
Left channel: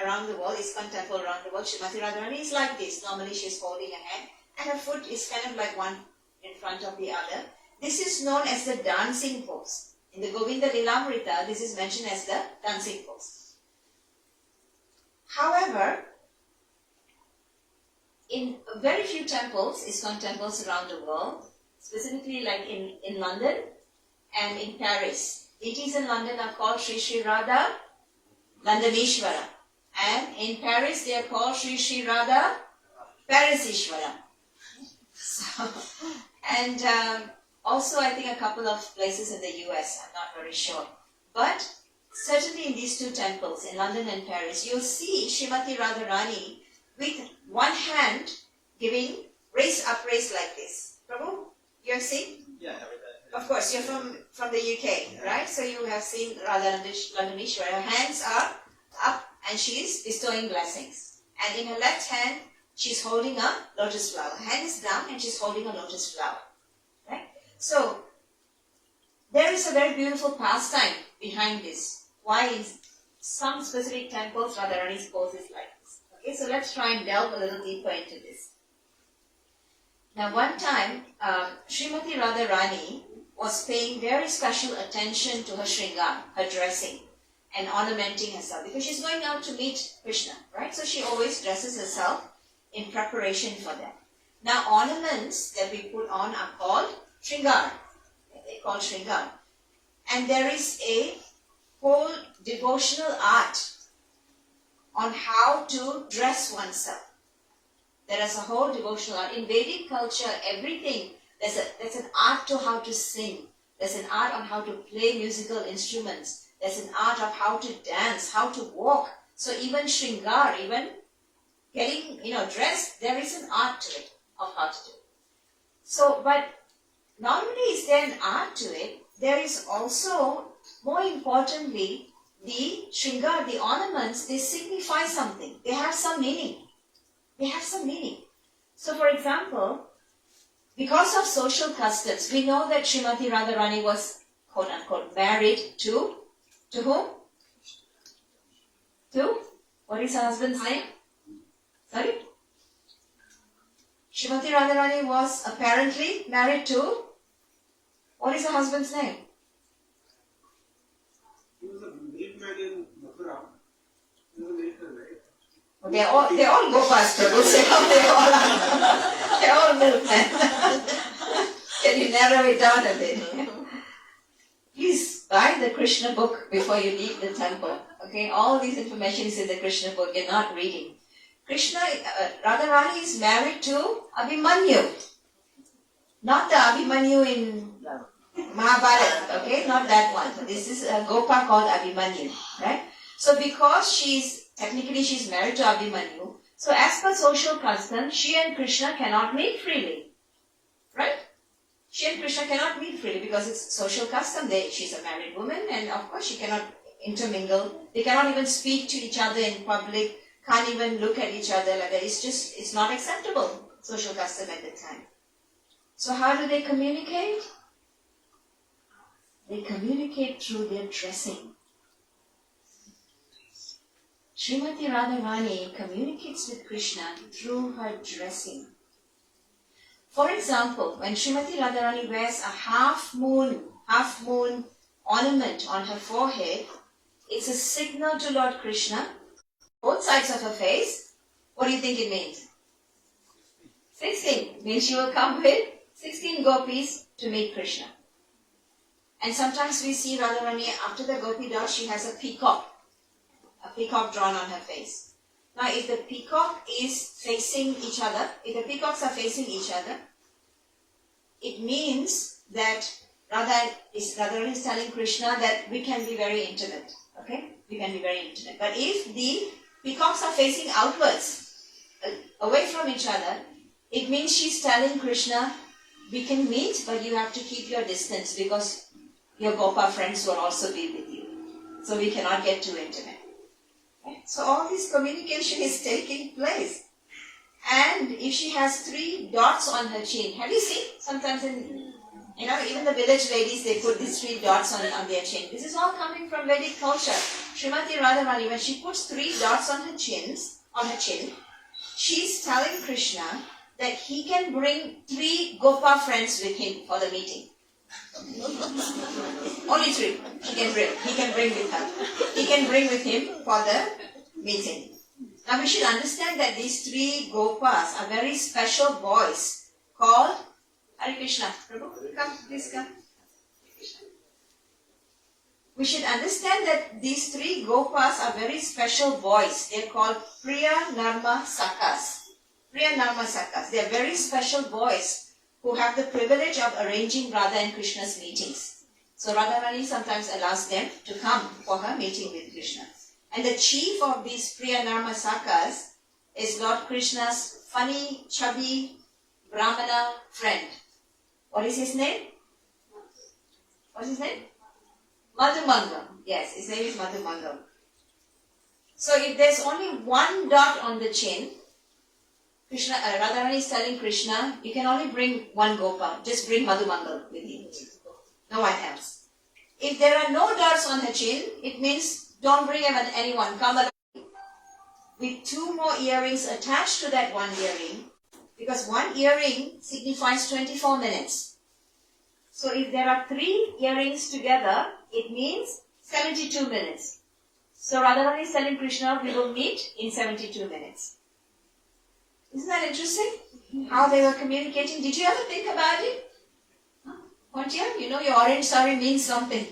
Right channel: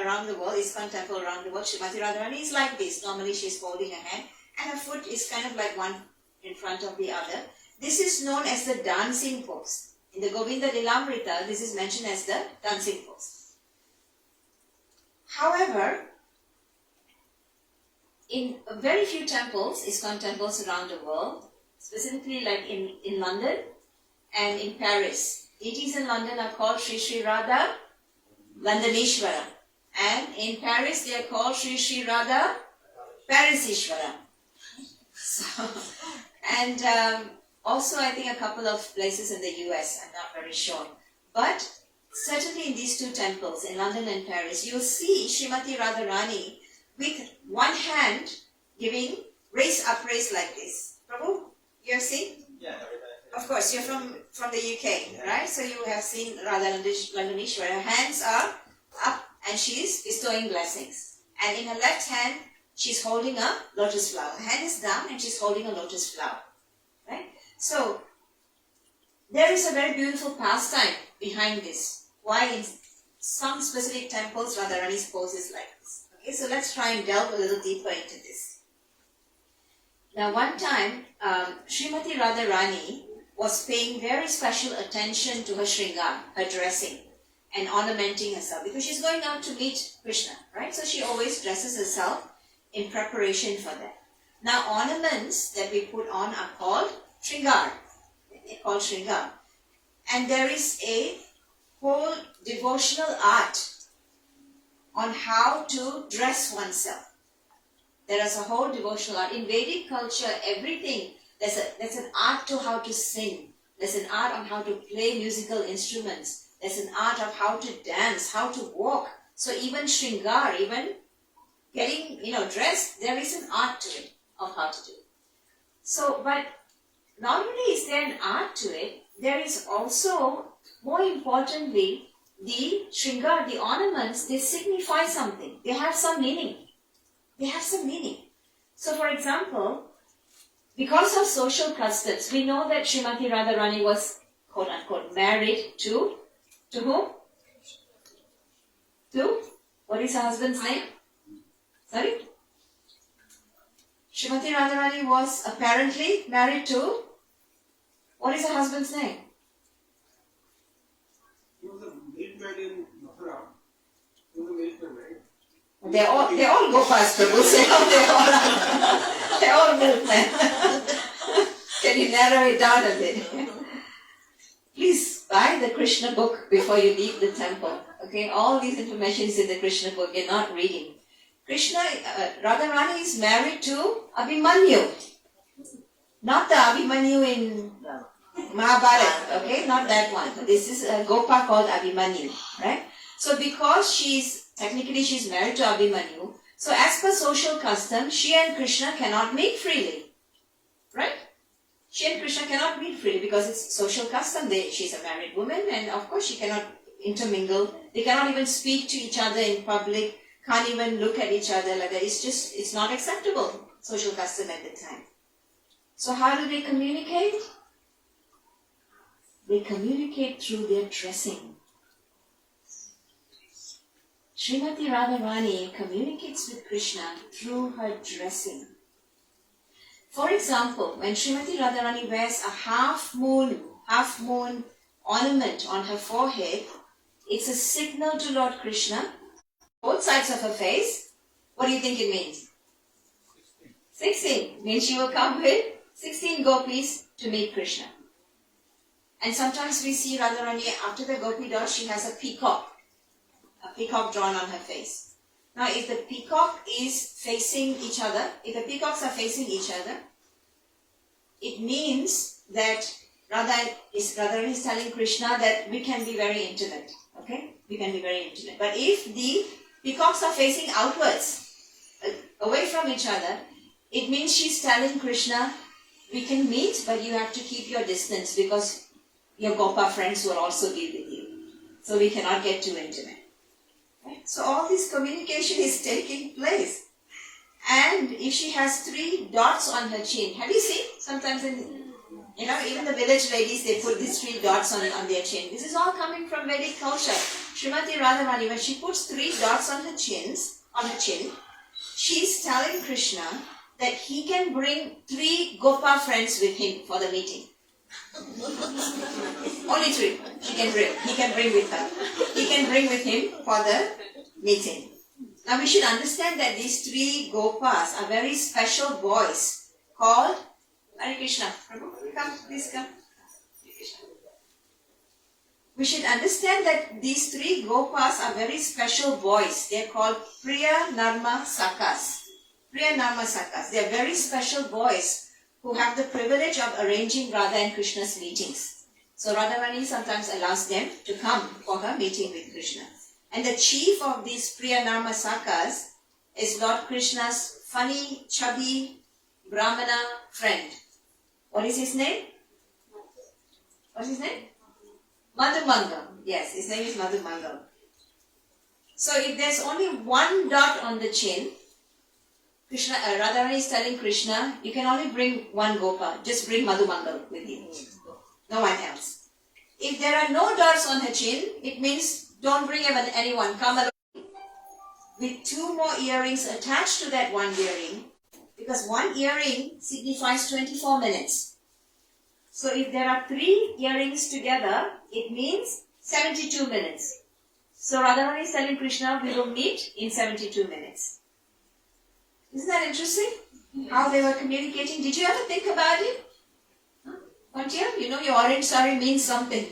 around the world, Iskcon temple around the world, Srimati Radharani is like this. Normally she's holding a hand and her foot is kind of like one in front of the other. This is known as the dancing pose. In the Govinda Lilamrita, this is mentioned as the dancing pose. However, in very few temples, Iskcon temples around the world, specifically like in London and in Paris, deities in London are called Sri Sri Radha Londonishvara. And in Paris, they are called Sri Sri Radha Parisishvara. So, and also I think a couple of places in the US, I'm not very sure. But certainly in these two temples, in London and Paris, you'll see Srimati Radharani with one hand giving upraise like this. Prabhu, you have seen? Yeah, every time. Of course, you're from the UK, right? So you have seen Radha Londonishwara. Her hands are up and she is bestowing blessings. And in her left hand, she's holding a lotus flower. Her hand is down and she's holding a lotus flower, right? So there is a very beautiful pastime behind this. Why in some specific temples Radharani's pose is like this. Okay, so let's try and delve a little deeper into this. Now one time, Srimati Radharani was paying very special attention to her shringar, her dressing, and ornamenting herself because she's going out to meet Krishna, right? So she always dresses herself in preparation for that. Now ornaments that we put on are called shringar. They're called shringar. And there is a whole devotional art on how to dress oneself. There is a whole devotional art. In Vedic culture, everything, there's an art to how to sing. There's an art on how to play musical instruments. There's an art of how to dance, how to walk. So even shringar, even getting, dressed, there is an art to it of how to do. So, but not only is there an art to it, there is also, more importantly, the shringar, the ornaments, they signify something. They have some meaning. They have some meaning. So for example, because of social customs, we know that Srimati Radharani was, quote unquote, married to whom? To? What is her husband's name? Sorry? Srimati Radharani was apparently married to, what is her husband's name? They're all Gopas, Prabhu. They're all milkmen. Can you narrow it down a bit? Please buy the Krishna book before you leave the temple. Okay, all these information is in the Krishna book. You're not reading. Krishna, Radharani is married to Abhimanyu. Not the Abhimanyu in Mahabharata, okay? Not that one. This is a Gopa called Abhimanyu, right? So because technically she's married to Abhimanyu, so as per social custom, she and Krishna cannot meet freely, right? She and Krishna cannot meet freely because it's social custom. She's a married woman and of course she cannot intermingle. They cannot even speak to each other in public, can't even look at each other like that. It's not acceptable, social custom at the time. So how do they communicate? They communicate through their dressing. Srimati Radharani communicates with Krishna through her dressing. For example, when Srimati Radharani wears a half moon ornament on her forehead, it's a signal to Lord Krishna, both sides of her face. What do you think it means? 16. Means she will come with 16 gopis to meet Krishna. And sometimes we see Radharani, after the gopi doll, she has a peacock drawn on her face. Now, if the peacock is facing each other, if the peacocks are facing each other, it means that Radharani is telling Krishna that we can be very intimate. Okay? We can be very intimate. But if the peacocks are facing outwards, away from each other, it means she's telling Krishna, we can meet, but you have to keep your distance because your Gopa friends will also be with you. So we cannot get too intimate. Right? So all this communication is taking place. And if she has 3 dots on her chin, have you seen? Sometimes even the village ladies, they put these 3 dots on their chin. This is all coming from Vedic culture. Srimati Radharani, when she puts 3 dots on her chin, she's telling Krishna that he can bring 3 Gopa friends with him for the meeting. Only 3 he can bring with her. He can bring with him for the meeting. Now we should understand that these 3 Gopas are very special boys called Hare Krishna. Prabhu, come, please come. We should understand that these 3 Gopas are very special boys. They are called Priya Narma Sakas. Priya Narma Sakas. They are very special boys who have the privilege of arranging Radha and Krishna's meetings. So Radharani sometimes allows them to come for her meeting with Krishna. And the chief of these Priya Narma Sakas is Lord Krishna's funny, chubby, Brahmana friend. What is his name? What's his name? Madhumangal. Yes, his name is Madhumangal. So if there's only 1 dot on the chin, Radharani is telling Krishna, you can only bring 1 Gopa. Just bring Madhumangal with you. No one else. If there are no dots on her chin, it means don't bring anyone. Come along. With 2 more earrings attached to that 1 earring, because 1 earring signifies 24 minutes. So if there are 3 earrings together, it means 72 minutes. So Radharani is telling Krishna, we will meet in 72 minutes. Isn't that interesting? How they were communicating. Did you ever think about it? What year? You know your orange sari means something.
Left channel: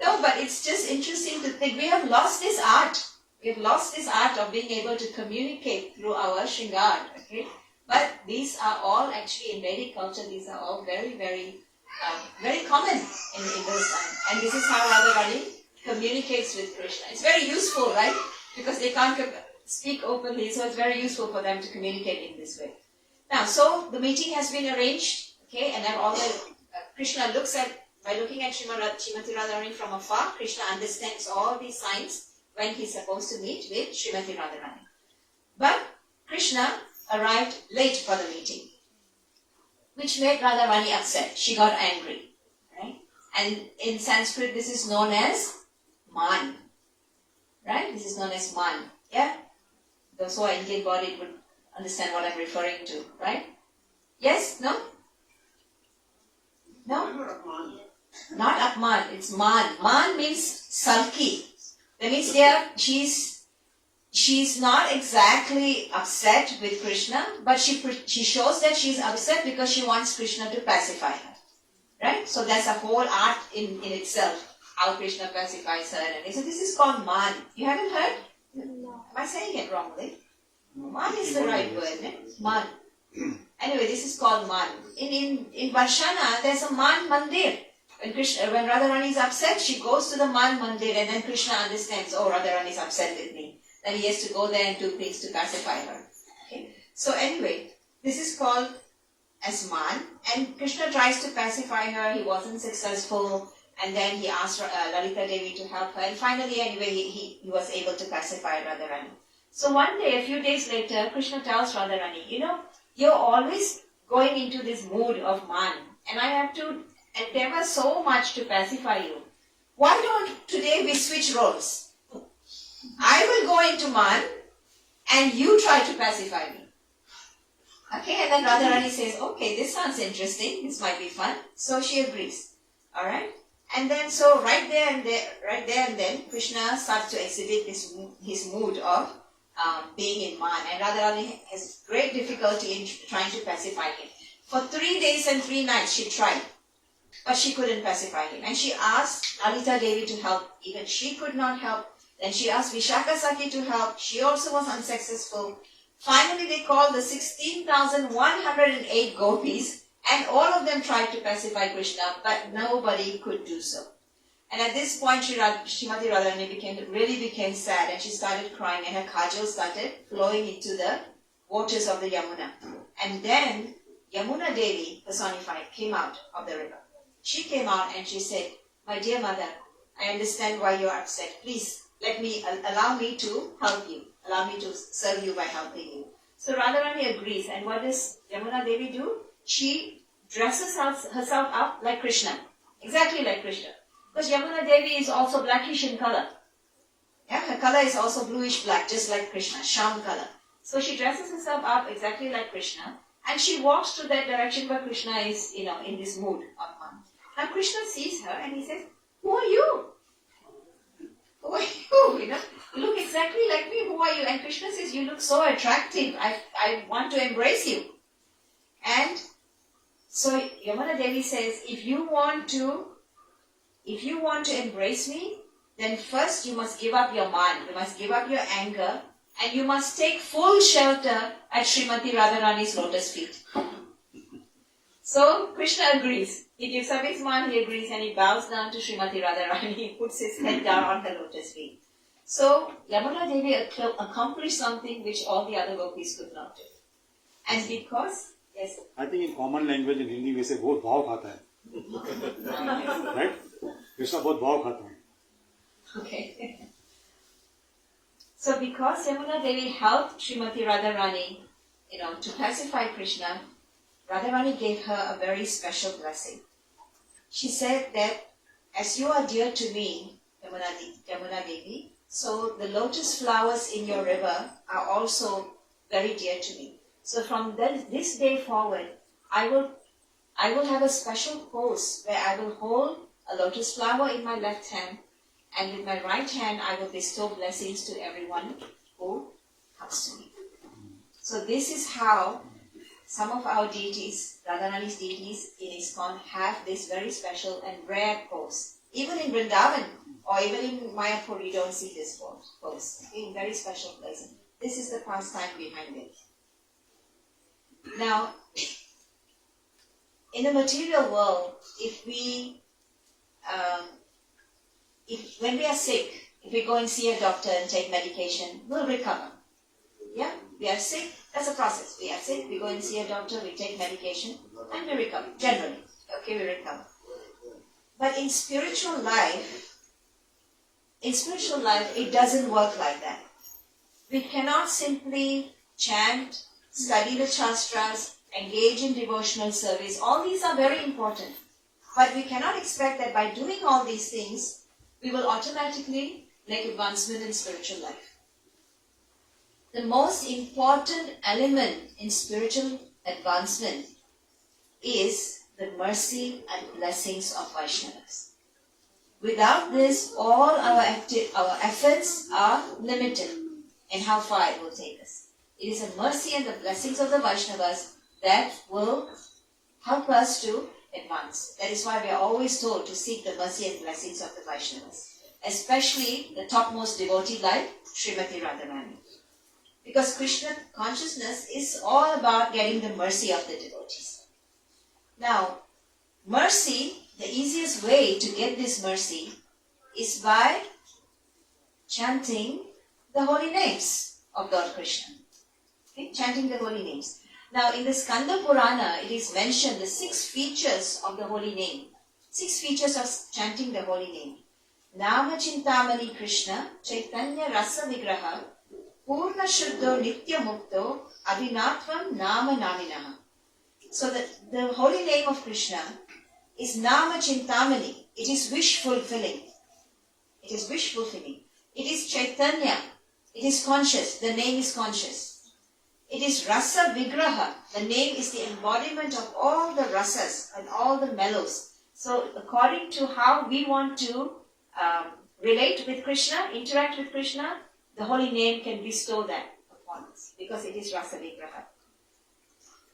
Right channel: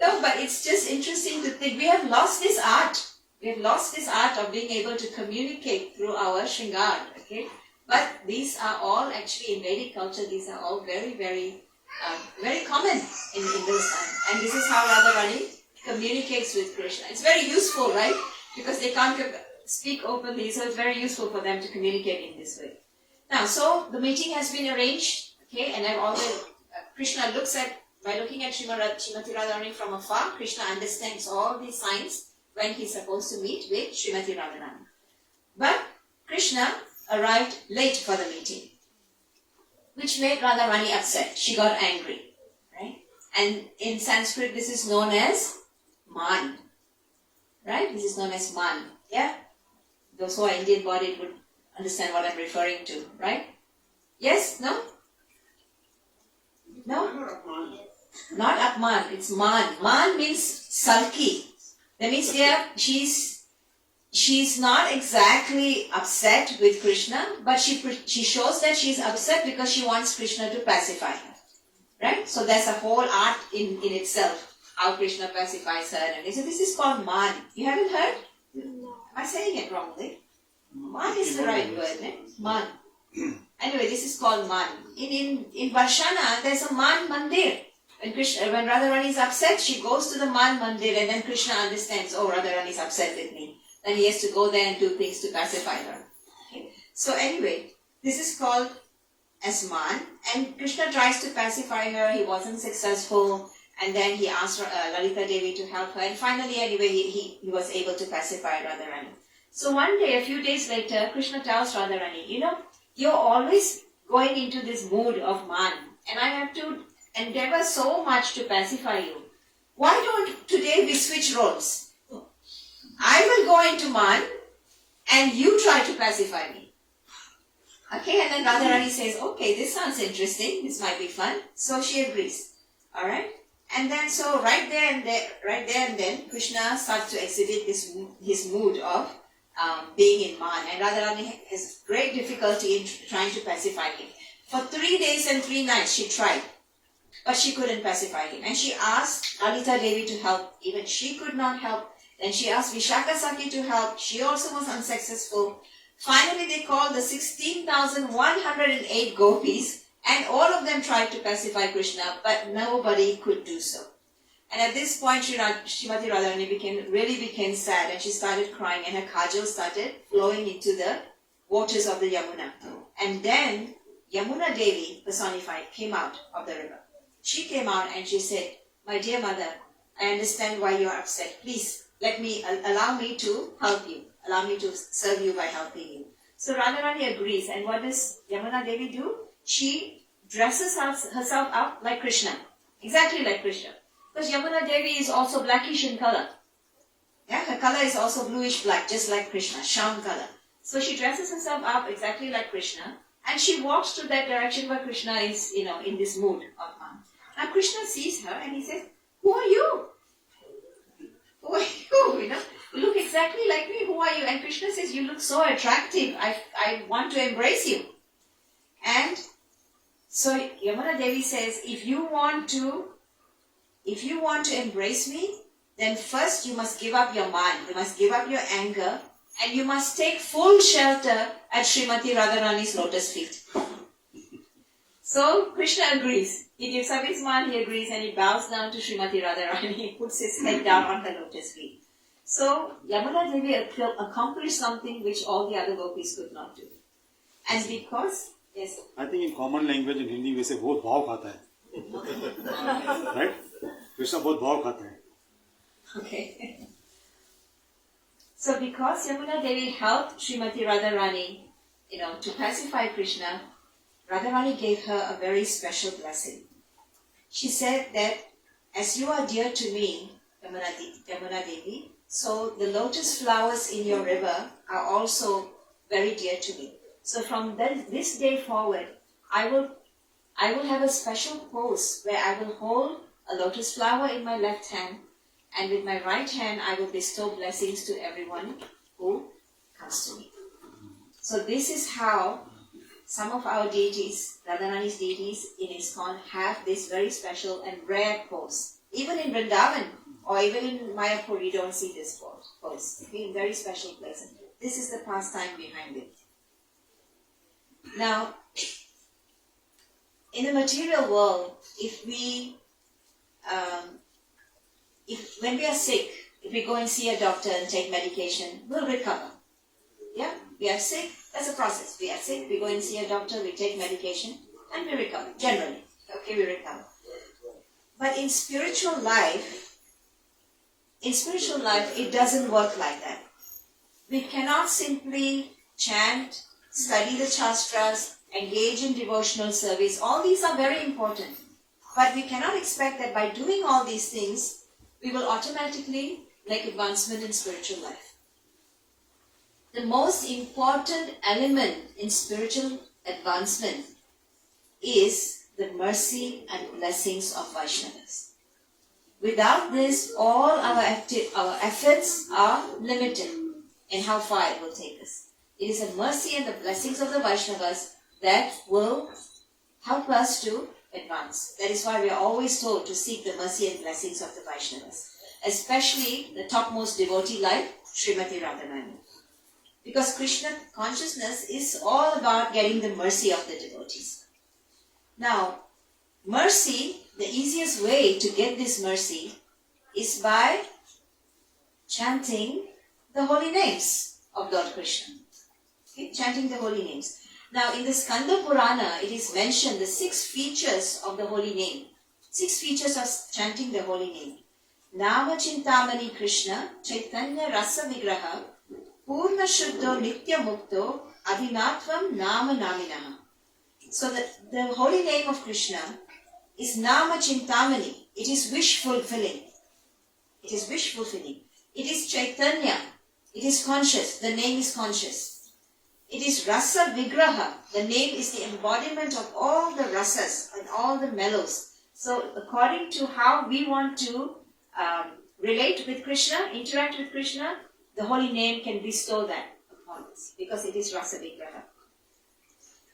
No, but it's just interesting to think. We have lost this art. We have lost this art of being able to communicate through our shringar. Okay? But these are all actually in Vedic culture, these are all very, very, very common in those times. And this is how Radharani communicates with Krishna. It's very useful, right? Because they can't speak openly, so it's very useful for them to communicate in this way. Now, so the meeting has been arranged, okay, and then all the Krishna looks at, by looking at Srimati Radharani from afar, Krishna understands all these signs when he's supposed to meet with Srimati Radharani. But Krishna arrived late for the meeting, which made Radharani upset. She got angry, right? And in Sanskrit, this is known as man, right? This is known as man, yeah? Those who are Indian bodied would understand what I'm referring to, right? Yes? No? No? Not Apman, it's Man. Man means sulky. That means she's she's not exactly upset with Krishna, but she shows that she's upset because she wants Krishna to pacify her. Right? So that's a whole art in itself, how Krishna pacifies her. And so this is called man. You haven't heard? No. Am I saying it wrongly? Man is the right word, eh? Man. Anyway, this is called man. In Varshana, there's a man mandir. When Radharani is upset, she goes to the man mandir, and then Krishna understands, oh, Radharani is upset with me. Then he has to go there and do things to pacify her. Okay? So anyway, this is called as man, and Krishna tries to pacify her. He wasn't successful, and then he asked Lalita Devi to help her, and finally, anyway, he was able to pacify Radharani. So one day, a few days later, Krishna tells Radharani, you're always going into this mood of man, and I have to endeavor so much to pacify you. Why don't today we switch roles? I will go into man, and you try to pacify me. Okay, and then Radharani says, okay, this sounds interesting. This might be fun. So she agrees. All right, and then so right there and then, Krishna starts to exhibit his mood of being in man, and Radharani has great difficulty in trying to pacify him. For 3 days and 3 nights she tried, but she couldn't pacify him. And she asked Lalita Devi to help. Even she could not help. Then she asked Vishaka Saki to help. She also was unsuccessful. Finally, they called the 16,108 gopis, and all of them tried to pacify Krishna, but nobody could do so. And at this point, Srimati Radharani became sad, and she started crying, and her kajal started flowing into the waters of the Yamuna. And then Yamuna Devi, personified, came out of the river. She came out and she said, my dear mother, I understand why you are upset. Please, allow me to help you. Allow me to serve you by helping you. So Radharani agrees. And what does Yamuna Devi do? She dresses herself up like Krishna. Exactly like Krishna. Because Yamuna Devi is also blackish in color. Yeah, her color is also bluish black, just like Krishna, Sham color. So she dresses herself up exactly like Krishna. And she walks to that direction where Krishna is, in this mood of man. And Krishna sees her and he says, who are you? Who are you? You look exactly like me. Who are you? And Krishna says, you look so attractive. I want to embrace you. And so Yamuna Devi says, if you want to embrace me, then first you must give up your mind. You must give up your anger. And you must take full shelter at Srimati Radharani's lotus feet. So Krishna agrees. He gives up his mind, he agrees, and he bows down to Srimati Radharani. He puts his head down on her lotus feet. So Yamuna Devi accomplished something which all the other gopis could not do. And because, yes? I think in common language in Hindi we say, बहुत भाव खाता है. Right? Krishna बहुत भाव खाता है. Okay. So because Yamuna Devi helped Srimati Radharani, to pacify Krishna, Radharani gave her a very special blessing. She said that, as you are dear to me, Yamuna Devi, so the lotus flowers in your river are also very dear to me. So from this day forward, I will have a special pose where I will hold a lotus flower in my left hand, and with my right hand, I will bestow blessings to everyone who comes to me. So this is how some of our deities, Radharani's deities in Iskcon, have this very special and rare pose. Even in Vrindavan or even in Mayapur, you don't see this pose. Okay, very special place. This is the pastime behind it. Now, in the material world, when we are sick, if we go and see a doctor and take medication, we'll recover. Yeah, we are sick, that's a process. We are sick, we go and see a doctor, we take medication, and we recover, generally. Okay, we recover. But in spiritual life, it doesn't work like that. We cannot simply chant, study the Shastras, engage in devotional service. All these are very important. But we cannot expect that by doing all these things, we will automatically make advancement in spiritual life. The most important element in spiritual advancement is the mercy and blessings of Vaishnavas. Without this, all our efforts are limited. and how far it will take us. It is the mercy and the blessings of the Vaishnavas that will help us to advance. That is why we are always told to seek the mercy and blessings of the Vaishnavas, especially the topmost devotee like Srimati Radharani. Because Krishna consciousness is all about getting the mercy of the devotees. Now, mercy, the easiest way to get this mercy is by chanting the holy names of Lord Krishna. Okay? Chanting the holy names. Now, in the Skanda Purana, it is mentioned the 6 features of the holy name. 6 features of chanting the holy name. Nama Chintamani Krishna, Chaitanya Rasa Vigraha, Purna Shuddho Nitya Mukto, Adinatvam Nama Naminaha. So the holy name of Krishna is Nama Chintamani. It is wish fulfilling. It is wish fulfilling. It is Chaitanya. It is conscious. The name is conscious. It is Rasa Vigraha. The name is the embodiment of all the rasas and all the mellows. So according to how we want to relate with Krishna, interact with Krishna, the holy name can bestow that upon us because it is Rasa Vigraha.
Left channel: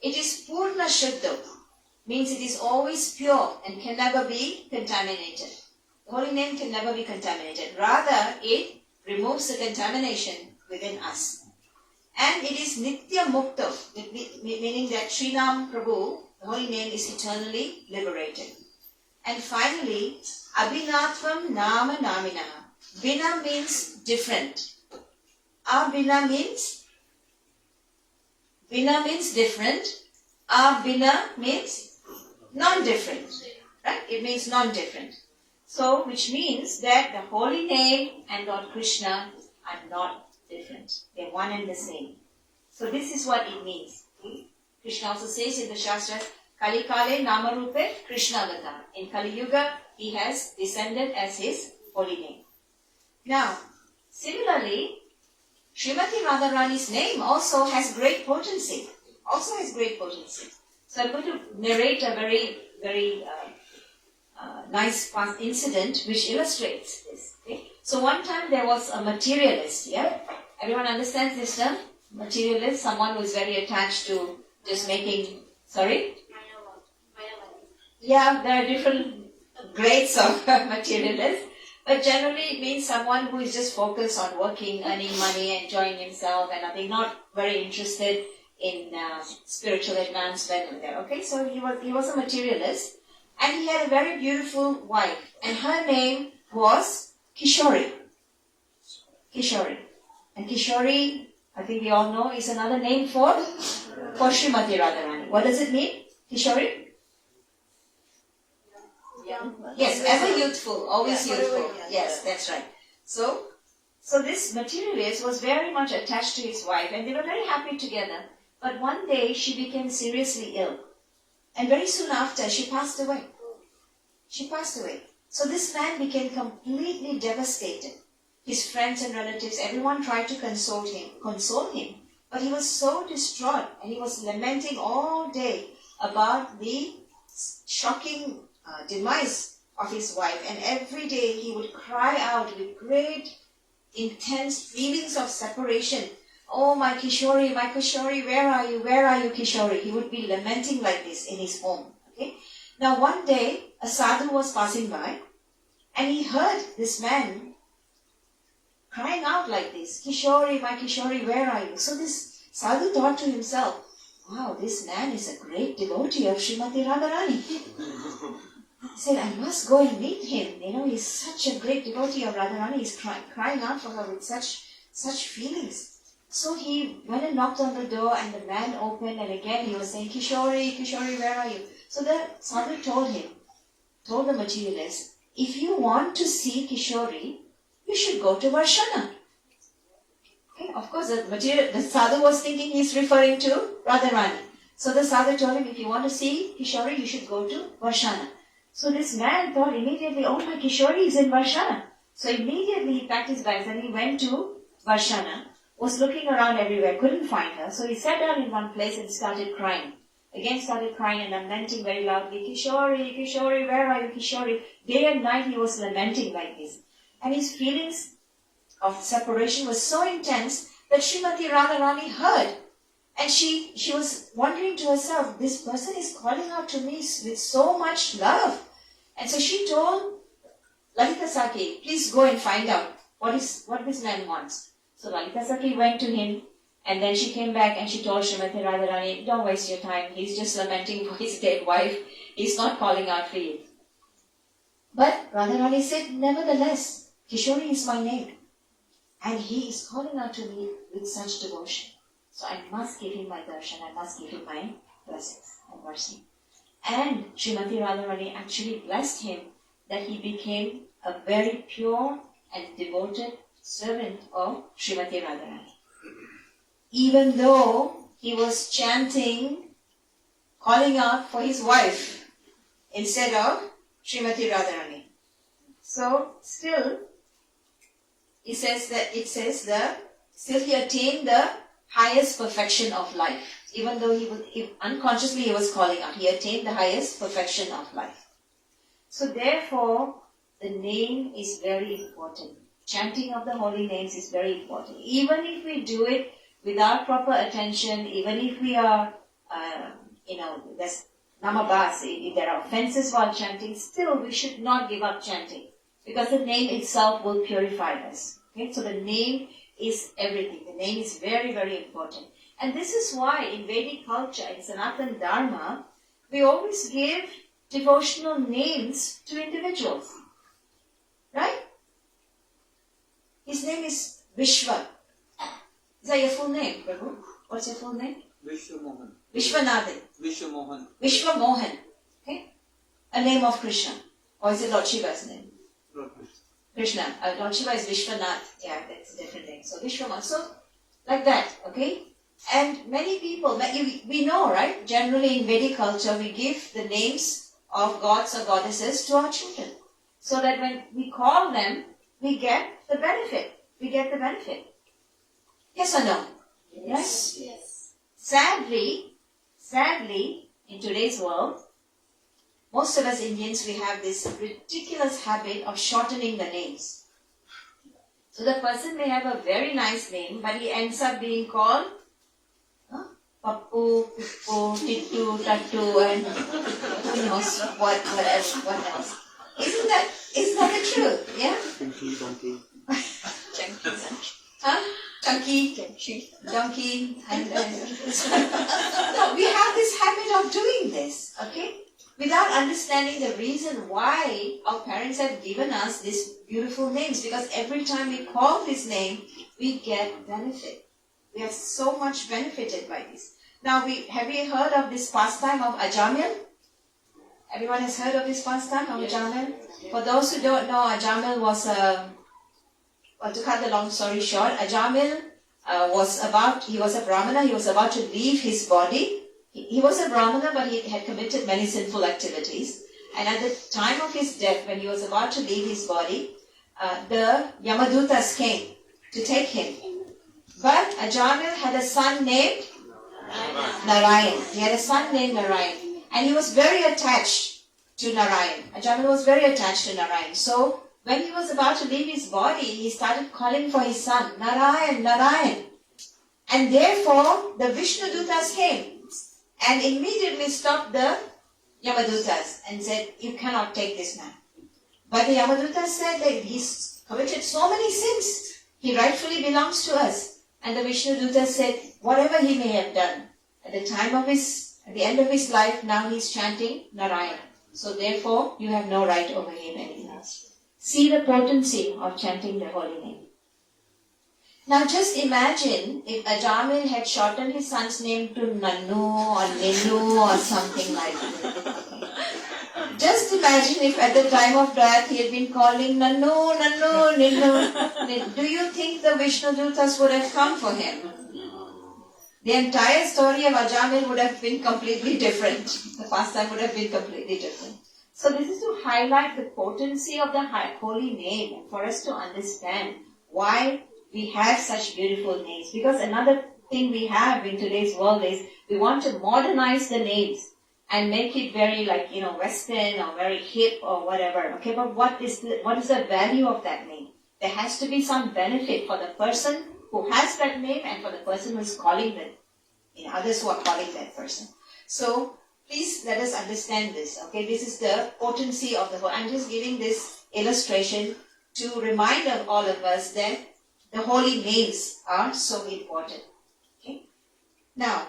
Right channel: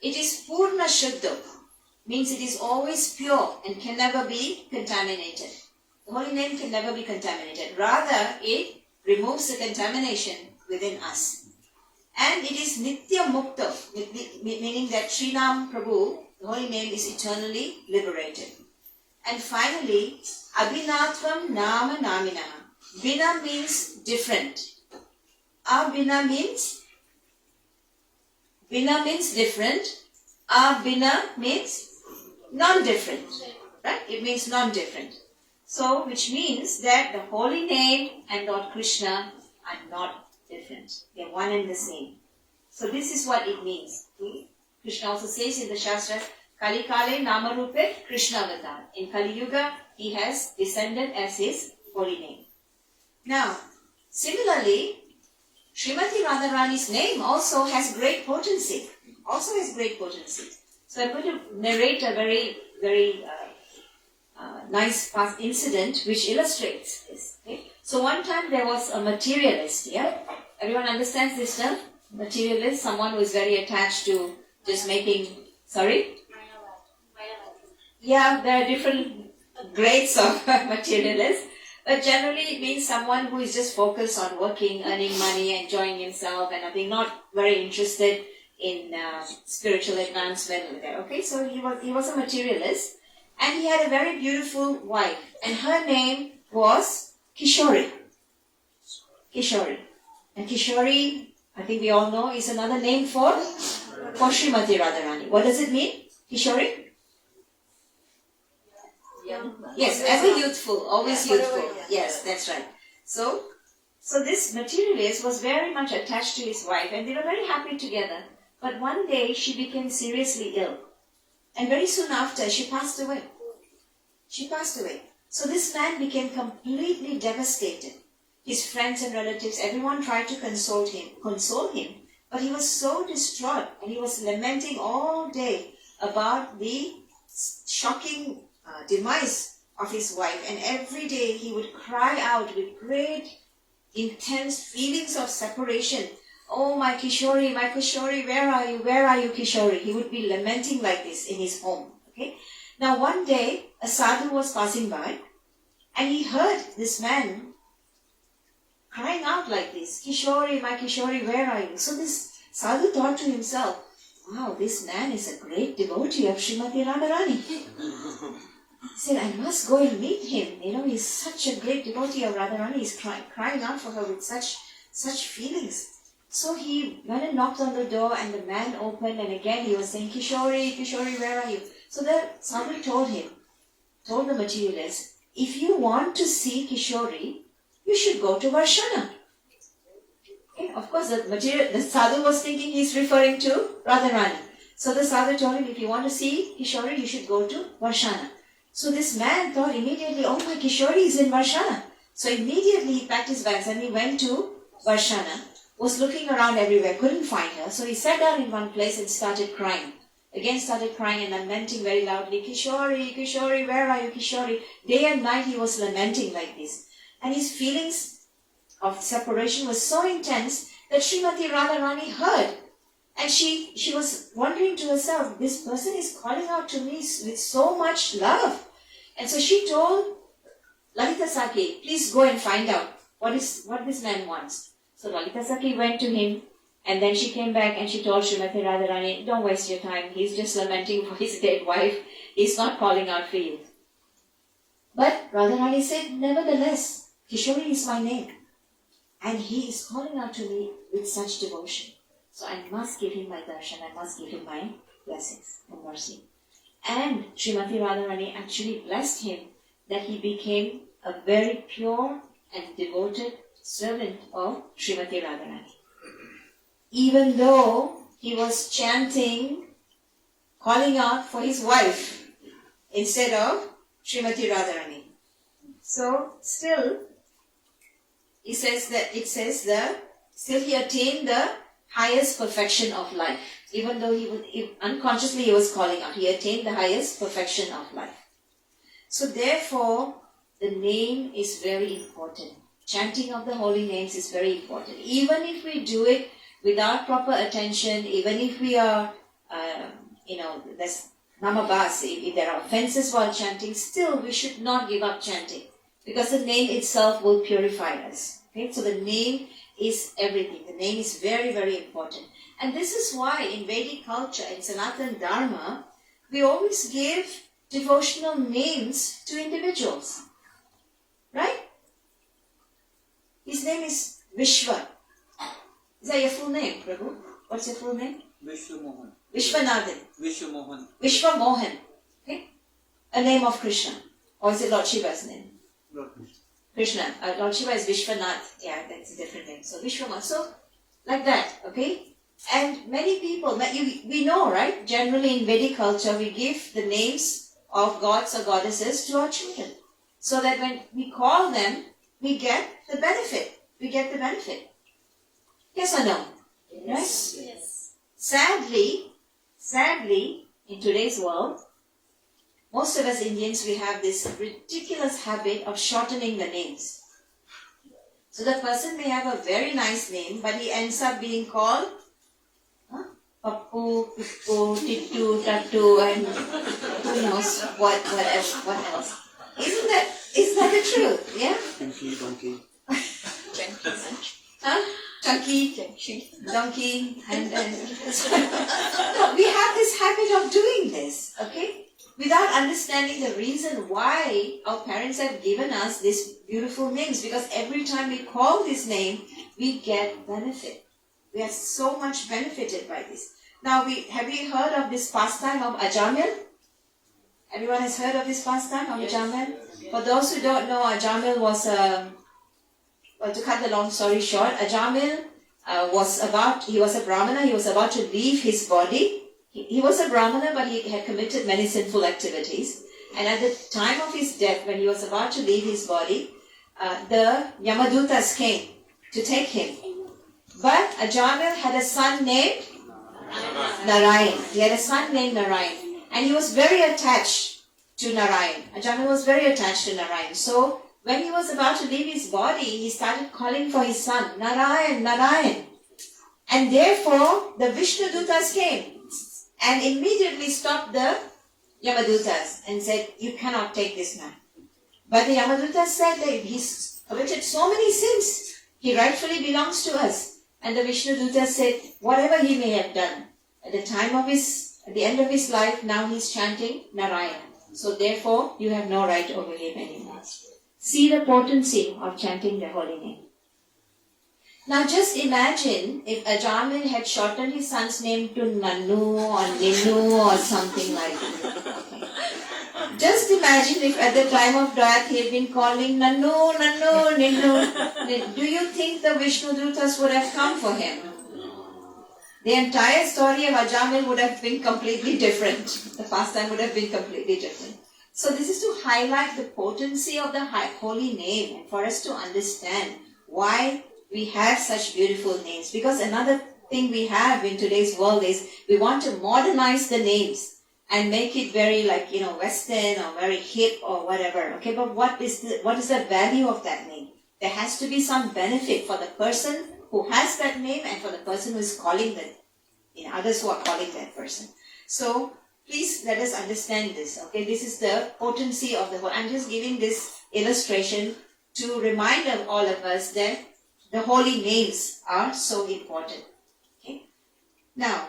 It is Purna Shuddha, means it is always pure and can never be contaminated. The holy name can never be contaminated. Rather, it removes the contamination within us. And it is Nitya Mukta, meaning that Srinam Prabhu, the holy name, is eternally liberated. And finally, Abhinatvam Nama Naminaha. Bina means different. Abhina means different. Abhina means non-different. Right? It means non-different. So, which means that the holy name and Lord Krishna are not different. They are one and the same. So this is what it means. Krishna also says in the Shastra, Kali Kale Nama Rupe Krishna Avatar. In Kali Yuga, he has descended as his holy name. Now, similarly, Srimati Radharani's name also has great potency. So I'm going to narrate a very, very nice past incident which illustrates this. Okay? So one time there was a materialist, yeah? Everyone understands this term? Materialist, someone who is very attached to just making, sorry? Yeah, there are different grades of materialists, but generally it means someone who is just focused on working, earning money, enjoying himself and nothing, not very interested in spiritual advancement. Okay, so he was a materialist and he had a very beautiful wife and her name was Kishori. And Kishori, I think we all know, is another name for Srimati Radharani. What does it mean, Kishori? Yes, ever youthful, always youthful. Yes, that's right. So this materialist was very much attached to his wife and they were very happy together. But one day she became seriously ill. And very soon after, she passed away. So this man became completely devastated. His friends and relatives, everyone tried to console him. But he was so distraught and he was lamenting all day about the shocking demise of his wife. And every day he would cry out with great, intense feelings of separation. Oh, my Kishori, where are you, Kishori? He would be lamenting like this in his home. Okay. Now one day, a sadhu was passing by and he heard this man crying out like this, Kishori, my Kishori, where are you? So this sadhu thought to himself, wow, this man is a great devotee of Srimati Radharani. He said, I must go and meet him. He's such a great devotee of Radharani. He's crying out for her with such feelings. So he went and knocked on the door and the man opened and again he was saying, Kishori, where are you? So the sadhu told the materialist, if you want to see Kishori, you should go to Varshana. Okay? Of course, the sadhu was thinking he's referring to Radharani. So the sadhu told him, if you want to see Kishori, you should go to Varshana. So this man thought immediately, oh, my Kishori is in Varshana. So immediately he packed his bags and he went to Varshana, was looking around everywhere, couldn't find her. So he sat down in one place and started crying. Again started crying and lamenting very loudly, Kishori, where are you, Kishori? Day and night he was lamenting like this. And his feelings of separation was so intense that Srimati Radharani heard. And she was wondering to herself, this person is calling out to me with so much love. And so she told Lalita Saki, please go and find out what this man wants. So Lalita Saki went to him, and then she came back and she told Srimati Radharani, don't waste your time. He's just lamenting for his dead wife. He's not calling out for you. But Radharani said, nevertheless, Kishori is my name. And he is calling out to me with such devotion. So I must give him my darshan, I must give him my blessings and mercy. And Srimati Radharani actually blessed him that he became a very pure and devoted servant of Srimati Radharani. Even though he was chanting, calling out for his wife instead of Srimati Radharani. So still, still he attained the highest perfection of life. Even though unconsciously he was calling out, he attained the highest perfection of life. So therefore, the name is very important. Chanting of the holy names is very important. Even if we do it without proper attention, even if we are, there's namabas, if there are offenses while chanting, still we should not give up chanting. Because the name itself will purify us. Okay? So the name is everything. The name is very, very important. And this is why in Vedic culture, in Sanatana Dharma, we always give devotional names to individuals. Right? His name is Vishwa. Is that your full name, Prabhu? What's your full name? Vishwamohan. Vishwanathan. Vishwamohan. Vishwamohan. Okay? A name of Krishna. Or is it Lord Shiva's name? Krishna. Lord Shiva is Vishwanath. Yeah, that's a different name. So Vishwamohan. So, like that, okay? And many people, we know, right? Generally in Vedic culture, we give the names of gods or goddesses to our children. So that when we call them, we get the benefit. We get the benefit. Yes or no? Yes. Right? Yes. Sadly, in today's world, most of us Indians, we have this ridiculous habit of shortening the names. So the person may have a very nice name, but he ends up being called Pappu, Pippu, Tittu, Tattu, and who knows what else. Isn't that the truth? Yeah? Pinky, donkey. Chunky, donkey, and no, we have this habit of doing this, okay? Without understanding the reason why our parents have given us these beautiful names. Because every time we call this name, we get benefit. We are so much benefited by this. Now, have you heard of this pastime of Ajamil? Everyone has heard of this pastime of Ajamil? For those who don't know, Ajamil was to cut the long story short, Ajamil he was a Brahmana, he was about to leave his body. He was a Brahmana, but he had committed many sinful activities. And at the time of his death, when he was about to leave his body, the Yamadutas came to take him. But Ajamil had a son named Narayan. He had a son named Narayan. And he was very attached to Narayan. Ajamil was very attached to Narayan. So, when he was about to leave his body, he started calling for his son, Narayan, Narayan. And therefore, the Vishnudutas came and immediately stopped the Yamadutas and said, you cannot take this man. But the Yamadutas said that he's committed so many sins, he rightfully belongs to us. And the Vishnudutas said, whatever he may have done, at the end of his life, now he's chanting Narayan. So therefore, you have no right over him anymore. See the potency of chanting the holy name. Now just imagine if Ajamil had shortened his son's name to Nannu or Ninnu or something like that. Just imagine if at the time of death he had been calling Nannu, Nannu, Ninnu. Do you think the Vishnudutas would have come for him? The entire story of Ajamil would have been completely different. The pastime would have been completely different. So this is to highlight the potency of the holy name and for us to understand why we have such beautiful names. Because another thing we have in today's world is we want to modernize the names and make it very Western or very hip or whatever. Okay, but what is the value of that name? There has to be some benefit for the person who has that name and for the person who is calling them, others who are calling that person. So please let us understand this. Okay, this is the potency of the whole. I'm just giving this illustration to remind all of us that the holy names are so important. Okay, now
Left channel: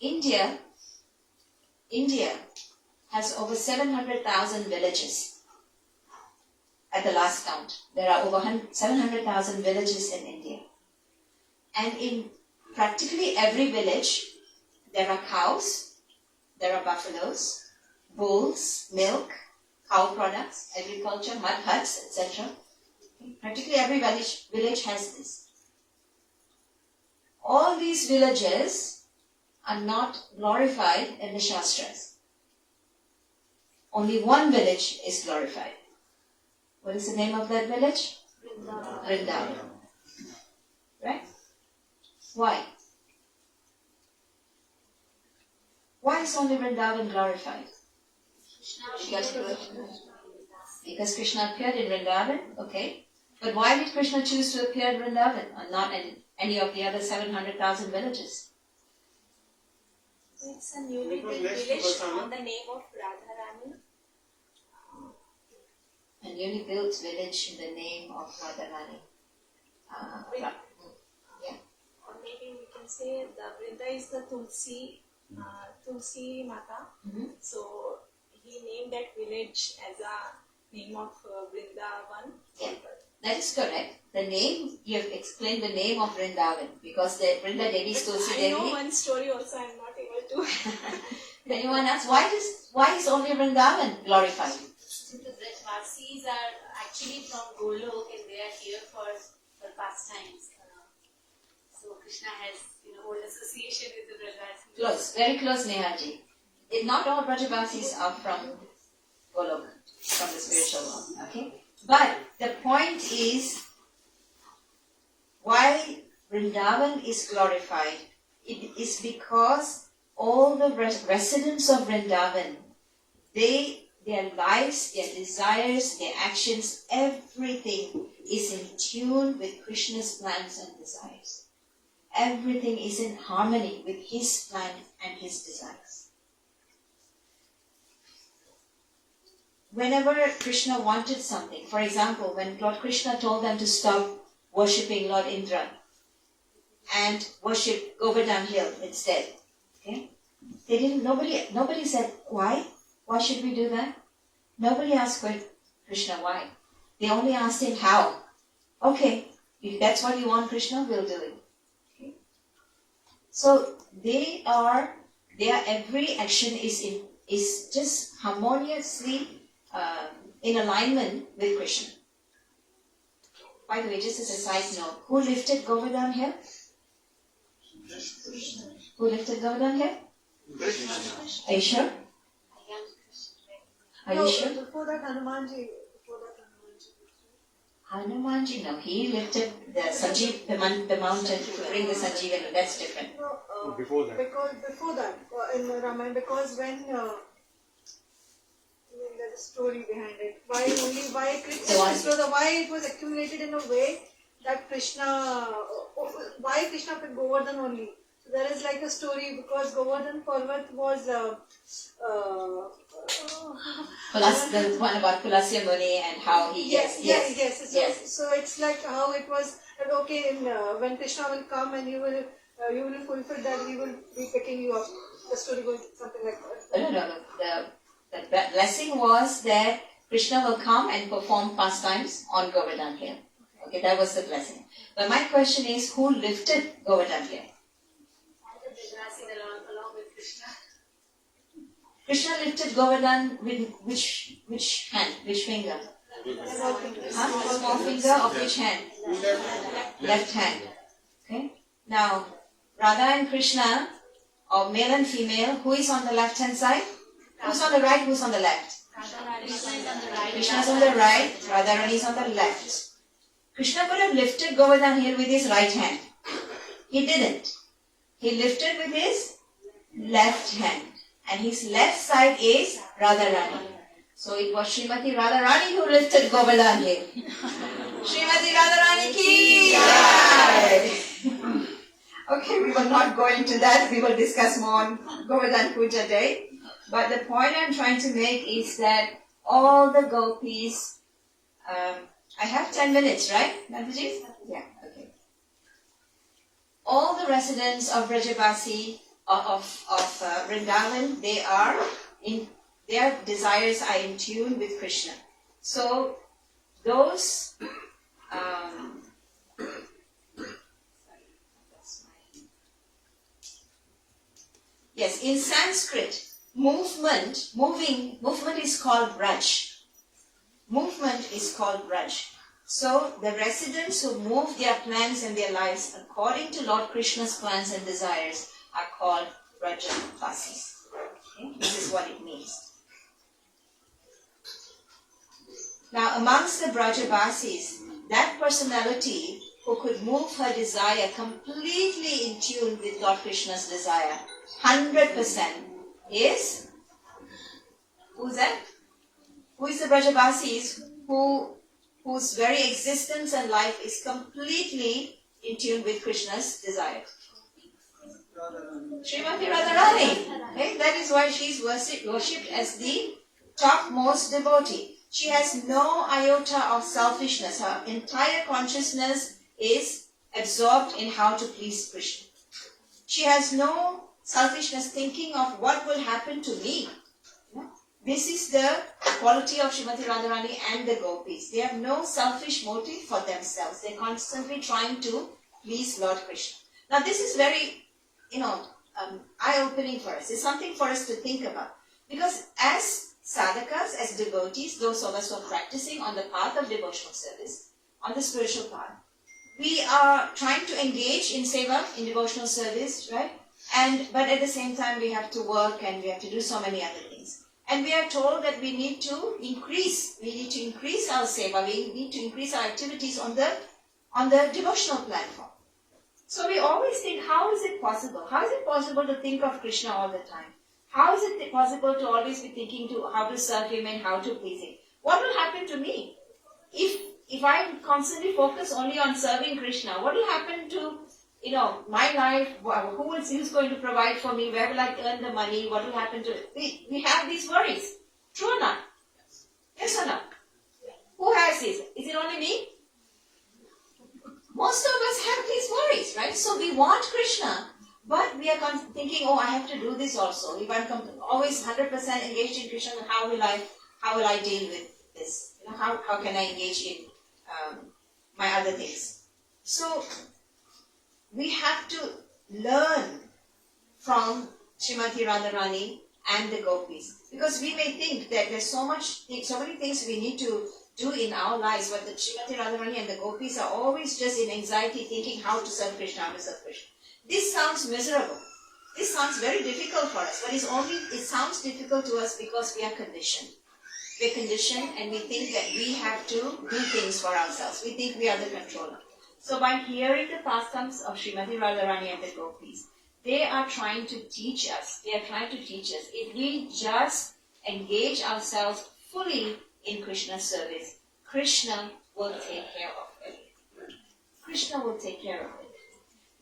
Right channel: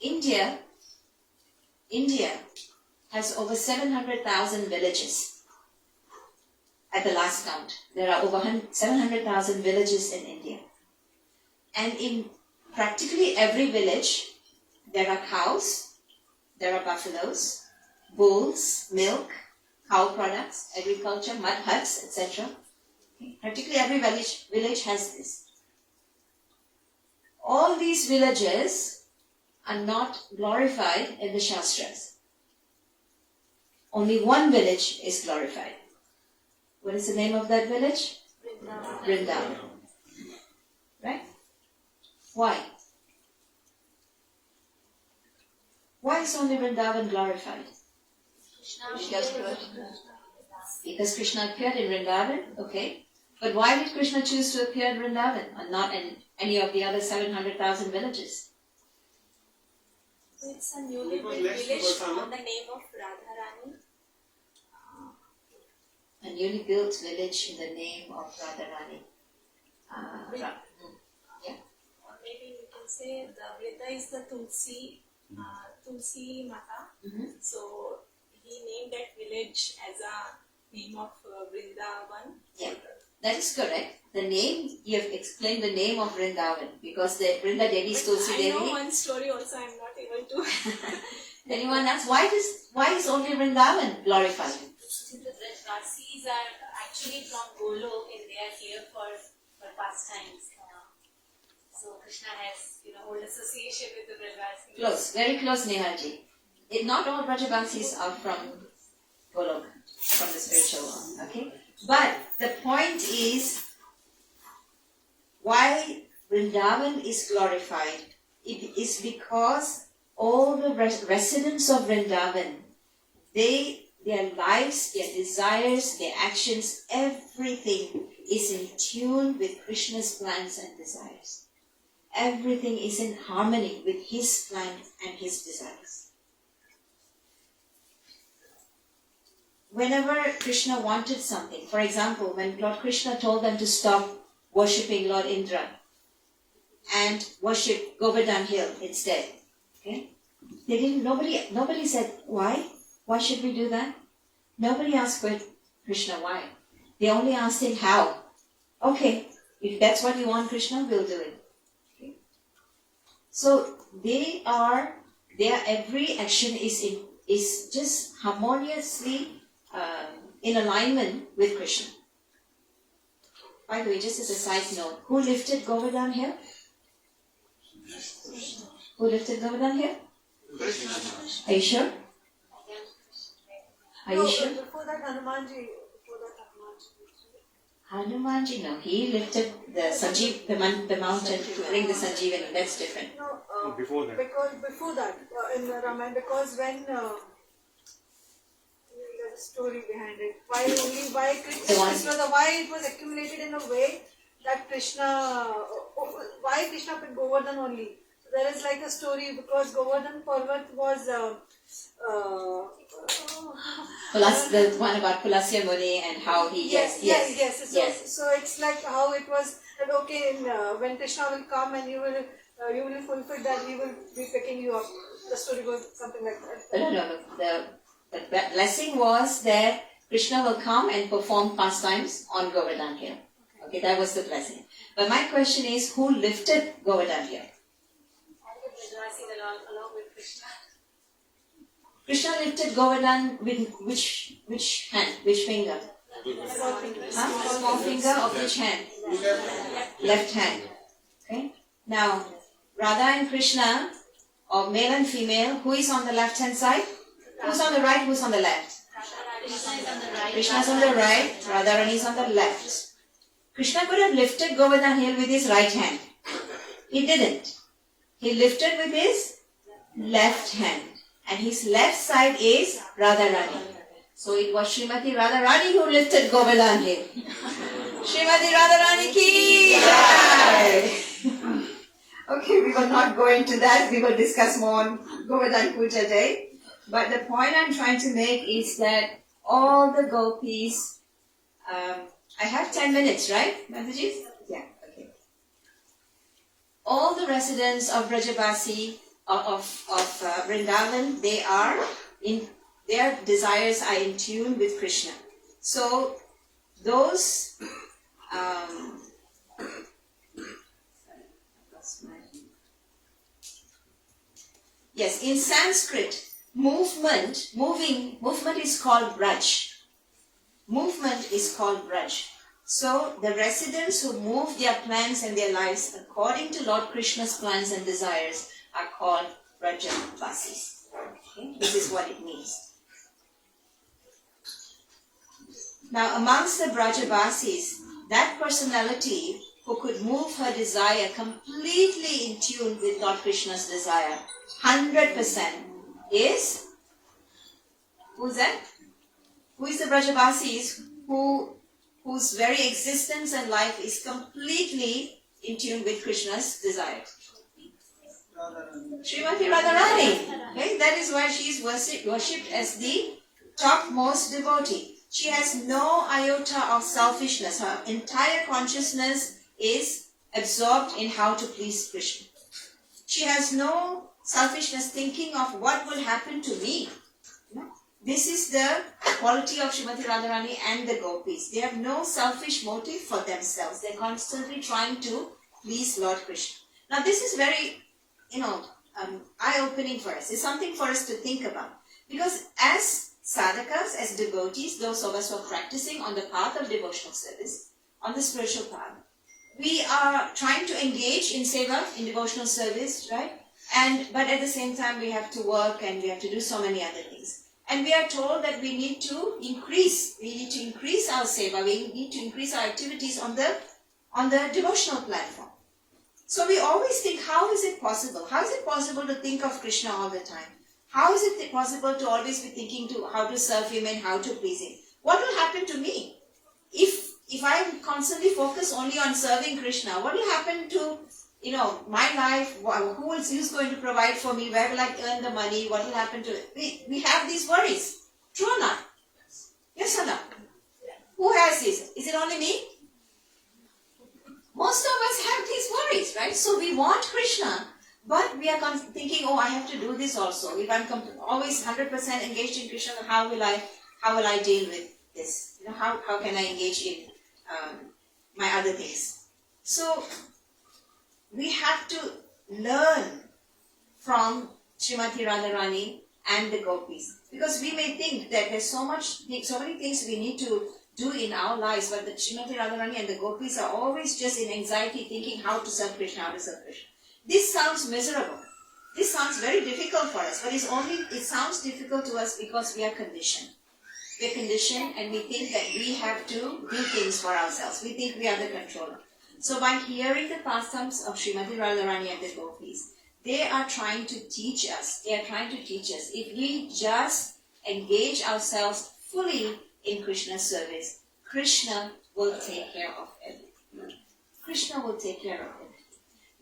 India has over 700,000 villages. At the last count, there are over 700,000 villages in India. And in practically every village, there are cows, there are buffaloes, bulls, milk, cow products, agriculture, mud huts, etc. Practically every village has this. All these villages are not glorified in the Shastras. Only one village is glorified. What is the name of that village? Vrindavan. Right? Why? Why is only Vrindavan glorified? Because Krishna appeared in Vrindavan, okay. But why did Krishna choose to appear in Vrindavan and not in any of the other 700,000 villages? It's a newly built village on the name of Radharani. A newly built village in the name of Radharani. Yeah. Or maybe we can say the Vrinda is the Tulsi Mata. Mm-hmm. So he named that village as a name of Vrindavan. Yeah, that is correct. The name, you have explained the name of Vrindavan because the Vrinda Devi is Tulsi I Devi. know one story also, I'm not able to. Anyone else? Why is only Vrindavan glorified? The Brajvasis are actually from Golok and they are here for pastimes. So Krishna has, old association with the Brajvasis. Close, very close, Nehaji. Not all Brajavasis are from Golok, from the spiritual world, okay? But the point is, why Vrindavan is glorified, it is because all the residents of Vrindavan, their lives, their desires, their actions, everything is in tune with Krishna's plans and desires. Everything is in harmony with his plan and his desires. Whenever Krishna wanted something, for example, when Lord Krishna told them to stop worshipping Lord Indra and worship Govardhan Hill instead, okay? Nobody said, why? Why should we do that? Nobody asked Krishna why. They only asked him how. Okay, if that's what you want, Krishna, we'll do it. Okay? So their every action is just harmoniously in alignment with Krishna. By the way, just as a side note, who lifted Govardhan Hill? Who lifted Govardhan Hill? Are you sure? Are you sure? Before that, Hanumanji. Hanumanji, no. He lifted the mountain to bring the Sanjeevani. That's different. No, Before that. Before that, in Ramayana, because when there's a story behind it. Why it was accumulated in a way that why Krishna picked Govardhan only. So there is like a story because Govardhan Parvat was The one about Pulasya Muni and how he yes. So it's like how it was that okay, when Krishna will come and you will fulfill that, he will be picking you up. The story goes something like that. No. The blessing was that Krishna will come and perform pastimes on Govardhan Hill. Okay, that was the blessing. But my question is, who lifted Govardhan Hill? All the Brajvasis along with Krishna. Krishna lifted Govardhan with which hand? Which finger? Small finger of which hand? Left hand. Okay. Now, Radha and Krishna, or male and female, who is on the left hand side? Who's on the right? Who's on the left? Krishna is on the right. Radharani is on the left. Krishna could have lifted Govardhan Hill with his right hand. He didn't. He lifted with his left hand. And his left side is Radharani. So it was Srimati Radharani who lifted Govardhan Hill. Srimati Radharani ki jai. Okay, we will not go into that. We will discuss more on Govardhan Puja Day. But the point I'm trying to make is that all the gopis, I have 10 minutes, right, Mataji? Yeah, okay. All the residents of Brajabasi, of Vrindavan, their desires are in tune with Krishna. So those, yes, in Sanskrit, movement is called Braj. Movement is called Braj. So the residents who move their plans and their lives according to Lord Krishna's plans and desires are called Brajavasis. Okay? This is what it means. Now amongst the Brajavasis, that personality who could move her desire completely in tune with Lord Krishna's desire, 100%, is, who's that? Who is the Brajavasis whose very existence and life is completely in tune with Krishna's desire? Srimati Radharani. Okay? That is why she is worshipped as the topmost devotee. She has no iota of selfishness. Her entire consciousness is absorbed in how to please Krishna. She has no selfishness thinking of what will happen to me. This is the quality of Srimati Radharani and the gopis. They have no selfish motive for themselves. They're constantly trying to please Lord Krishna. Now this is very, eye-opening for us. It's something for us to think about. Because as sadhakas, as devotees, those of us who are practicing on the path of devotional service, on the spiritual path, we are trying to engage in seva, in devotional service, right? But at the same time, we have to work and we have to do so many other things. And we are told that we need to increase our seva, we need to increase our activities on the devotional platform. So we always think, how is it possible? How is it possible to think of Krishna all the time? How is it possible to always be thinking to how to serve him and how to please him? What will happen to me? If I constantly focus only on serving Krishna, what will happen to my life? Who's going to provide for me? Where will I earn the money? What will happen to it? We have these worries. True or not? Yes or no? Who has this? Is it only me? Most of us have these worries, right? So we want Krishna, but we are thinking, I have to do this also. If I'm always 100% engaged in Krishna, how will I deal with this? How can I engage in my other things? So we have to learn from Srimati Radharani and the gopis, because we may think that there's so many things we need to do in our lives, but the Srimati Radharani and the gopis are always just in anxiety, thinking how to serve Krishna, how to serve Krishna. This sounds miserable. This sounds very difficult for us, but it sounds difficult to us because we are conditioned. We're conditioned and we think that we have to do things for ourselves. We think we are the controller. So by hearing the pastimes of Srimati Radharani and the gopis, they are trying to teach us. If we just engage ourselves fully in Krishna's service, Krishna will take care of everything. Krishna will take care of it.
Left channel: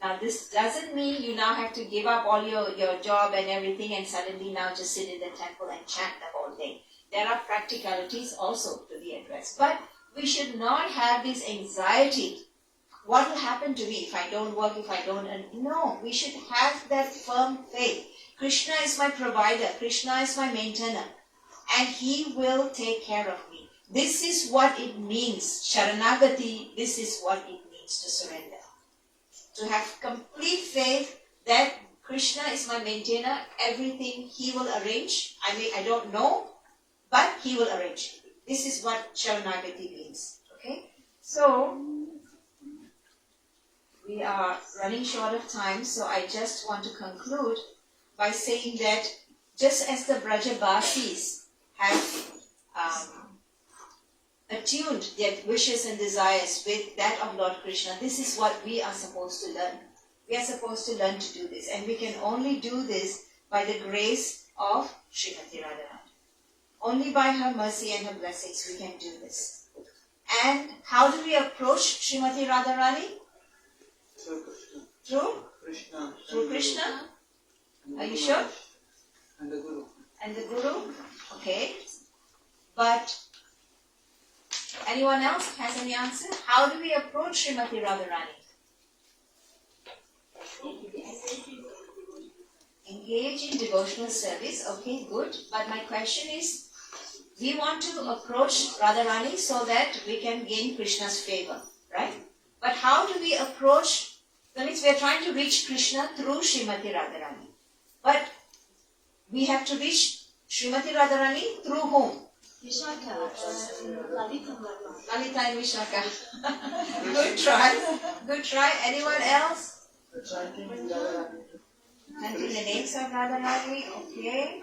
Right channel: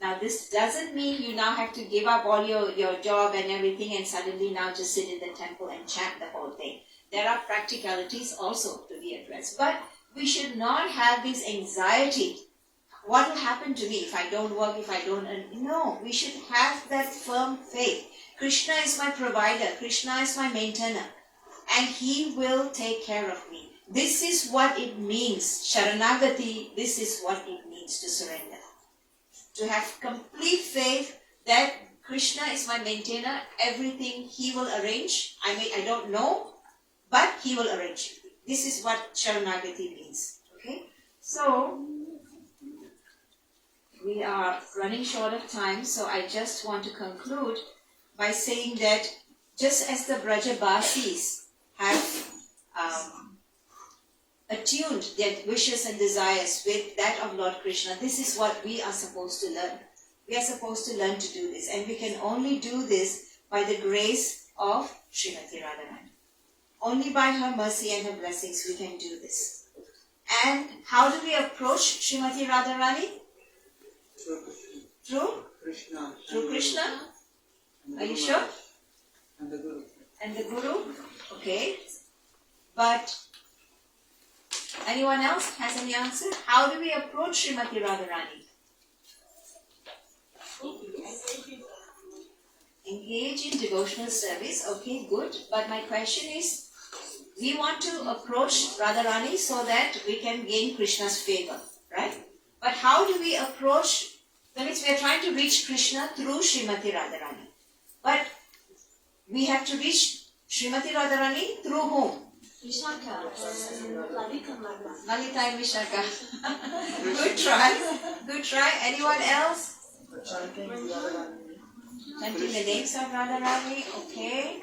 Now this doesn't mean you now have to give up all your job and everything and suddenly now just sit in the temple and chant the whole day. There are practicalities also to be addressed. But we should not have this anxiety. What will happen to me if I don't work, if I don't earn? No, we should have that firm faith. Krishna is my provider. Krishna is my maintainer. And he will take care of me. This is what it means. Sharanagati, this is what it means to surrender. To have complete faith that Krishna is my maintainer. Everything he will arrange. I don't know, but he will arrange. This is what Sharanagati means. Okay? So we are running short of time, so I just want to conclude by saying that just as the Brajabasis have attuned their wishes and desires with that of Lord Krishna, this is what we are supposed to learn. We are supposed to learn to do this, and we can only do this by the grace of Srimati Radharani. Only by her mercy and her blessings we can do this. And how do we approach Srimati Radharani? Through? Krishna. Through Krishna? Are you sure? And the Guru. And the Guru? Okay. But anyone else has any answer? How do we approach Srimati Radharani? Engage in devotional service. Okay, good. But my question is, we want to approach Radharani so that we can gain Krishna's favor, right? But how do we approach? That means we are trying to reach Krishna through Srimati Radharani. But we have to reach Srimati Radharani through whom? Lalita and Vishaka. Good try. Good try. Anyone else? Chanting the names of Radharani. Okay.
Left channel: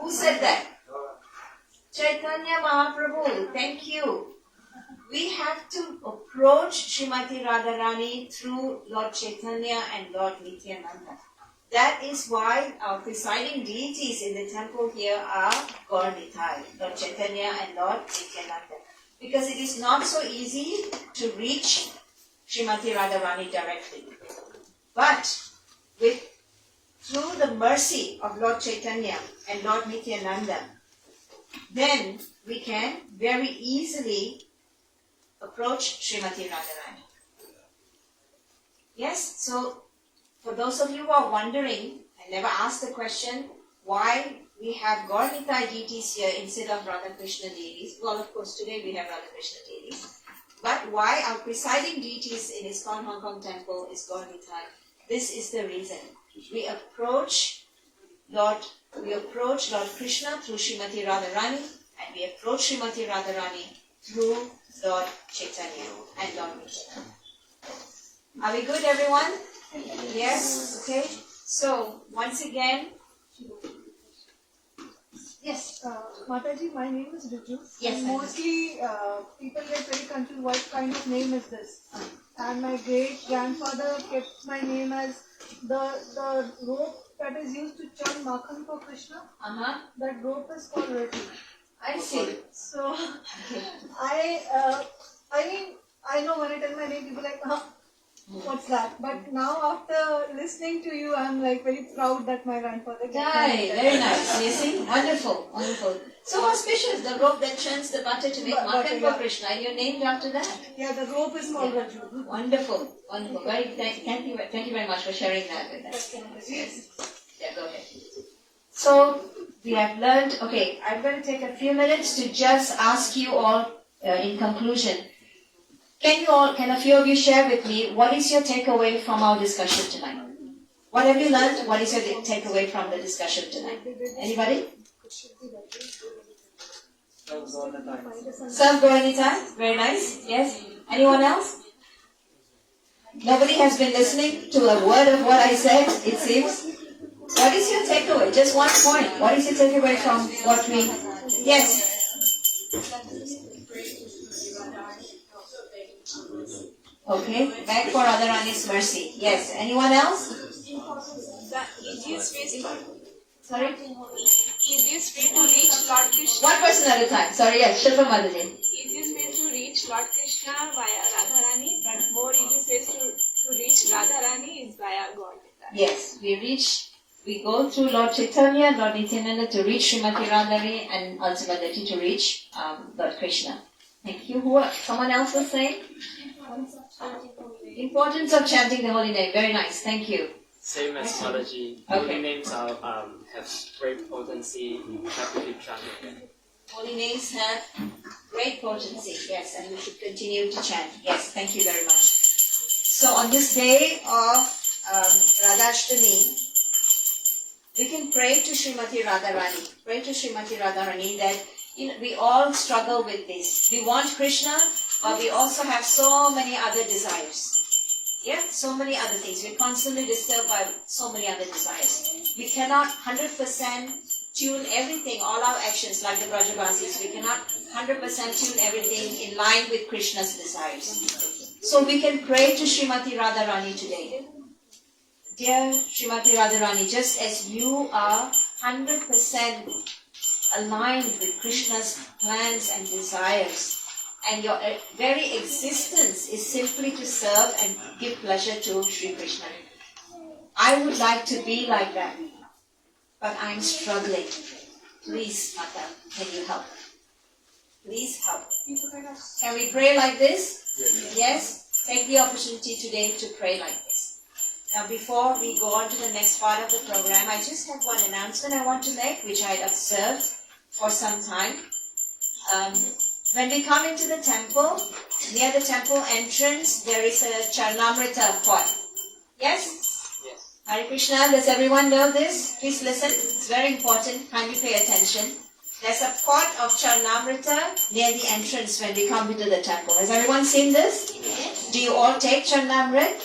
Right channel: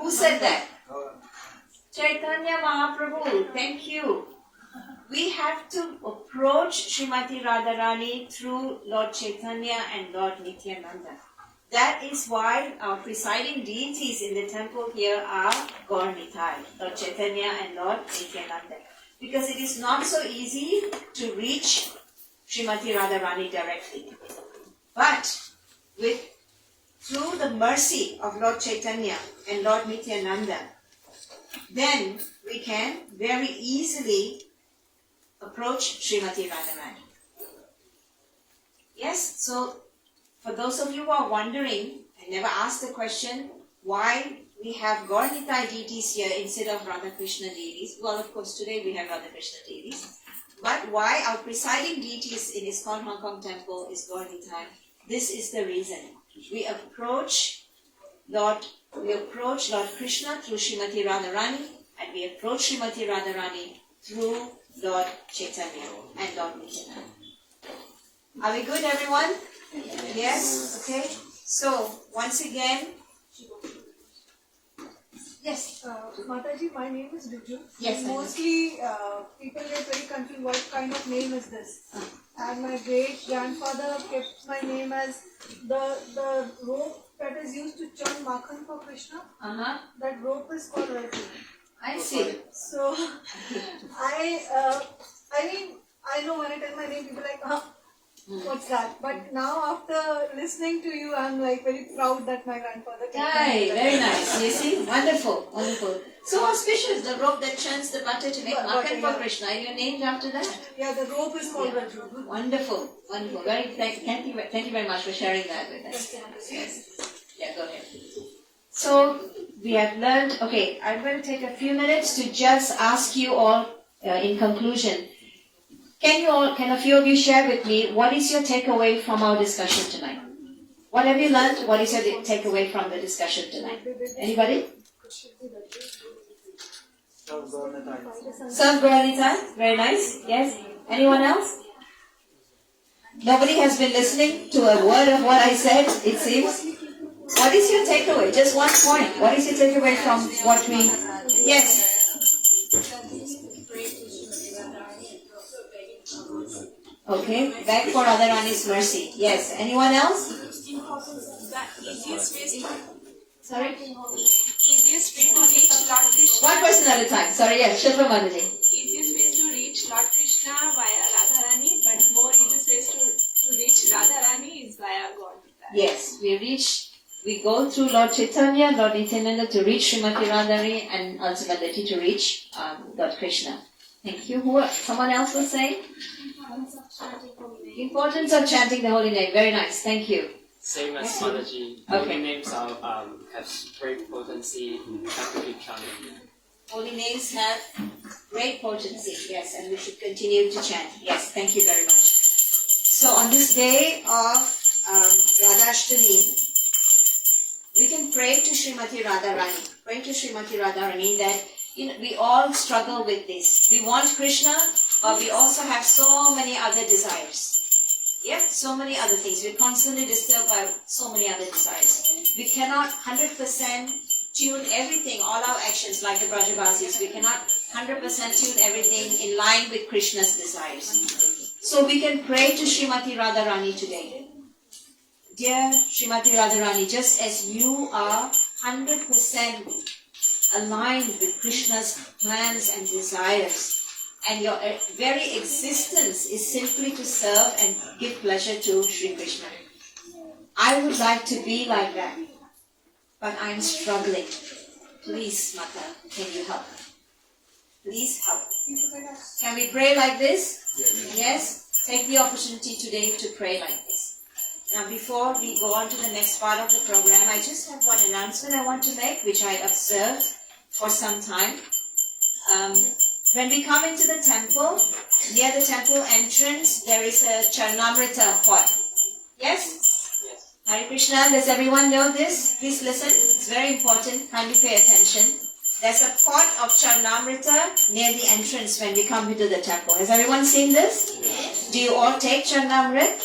Who said that? Chaitanya Mahaprabhu. Thank you. We have to approach Srimati Radharani through Lord Chaitanya and Lord Nityananda. That is why our presiding deities in the temple here are Gaur Nitai, Lord Chaitanya and Lord Nityananda. Because it is not so easy to reach Srimati Radharani directly. But through the mercy of Lord Chaitanya and Lord Nityananda, then we can very easily approach Srimati Radharani. Yes, so for those of you who are wondering, I never asked the question, why we have Gaur Nitai deities here instead of Radha Krishna deities. Well, of course, today we have Radha Krishna deities. But why our presiding deities in Iskcon Hong Kong Temple is Gaur Nitai? This is the reason. We approach Lord Krishna through Srimati Radharani, and we approach Srimati Radharani through Lord Chaitanya and Lord Nityananda. Are we good, everyone? Yes? Okay. So, once again, yes. Mataji, my name is Ruju. Yes, And I know. mostly people get very confused what kind of name is this. And my great grandfather kept my name as the rope that is used to churn makhan for Krishna. That rope is called roti. I see. So I mean I know when I tell my name people are like what's that? But now after listening to you I'm like very proud that my grandfather kept my Right, name. very nice. You see? Wonderful, wonderful. So auspicious, the rope that churns the butter to make makhan for yeah. Krishna, and you're named after that. Yeah, the rope is called Raju. Wonderful, wonderful. Thank you very much for sharing that with us. Yes. Yeah, go ahead. So we have learned. Okay, I'm going to take a few minutes to just ask you all in conclusion. Can a few of you share with me what is your takeaway from our discussion tonight? What have you learned? What is your takeaway from the discussion tonight? Anybody? Serve Gaur Nitai. Very nice. Yes. Anyone else? Nobody has been listening to a word of what I said, it seems. What is your takeaway? Just one point. What is your takeaway from what we... Yes. Okay. Beg for Radharani's mercy. Yes. Anyone else? Sorry? Easiest way to reach Lord Krishna. One person at a time. Sorry, yes. Shilpa Mataji. Easiest way to reach Lord Krishna via Radharani, but more easiest ways to reach Radharani is via God. Yes. We go through Lord Chaitanya, Lord Nityananda to reach Srimati Radharani and ultimately to reach Lord Krishna. Thank you. Someone else was saying? Importance of chanting the holy name. Very nice. Thank you. Same as Mataji. Okay. Holy names are, have great potency. Have to keep chanting them. Holy names have great potency. Yes, and we should continue to chant. Yes, thank you very much. So on this day of Radhastami, we can pray to Srimati Radharani. Pray to Srimati Radharani that we all struggle with this. We want Krishna, but we also have so many other desires. Yeah, so many other things. We're constantly disturbed by so many other desires. We cannot 100% tune everything, all our actions, like the Brajavasis. We cannot 100% tune everything in line with Krishna's desires. So we can pray to Srimati Radharani today. Dear Srimati Radharani, just as you are 100% aligned with Krishna's plans and desires, and your very existence is simply to serve and give pleasure to Sri Krishna. I would like to be like that, but I'm struggling. Please, Mata, can you help? Please help. Can we pray like this? Yes? Take the opportunity today to pray like this. Now, before we go on to the next part of the program, I just have one announcement I want to make, which I observed for some time. When we come into the temple, near the temple entrance, there is a Charnamrita pot. Yes? Yes. Hare Krishna, does everyone know this? Please listen, it's very important, kindly pay attention. There's a pot of Charnamrita near the entrance when we come into the temple. Has everyone seen this? Yes. Do you all take Charnamrit?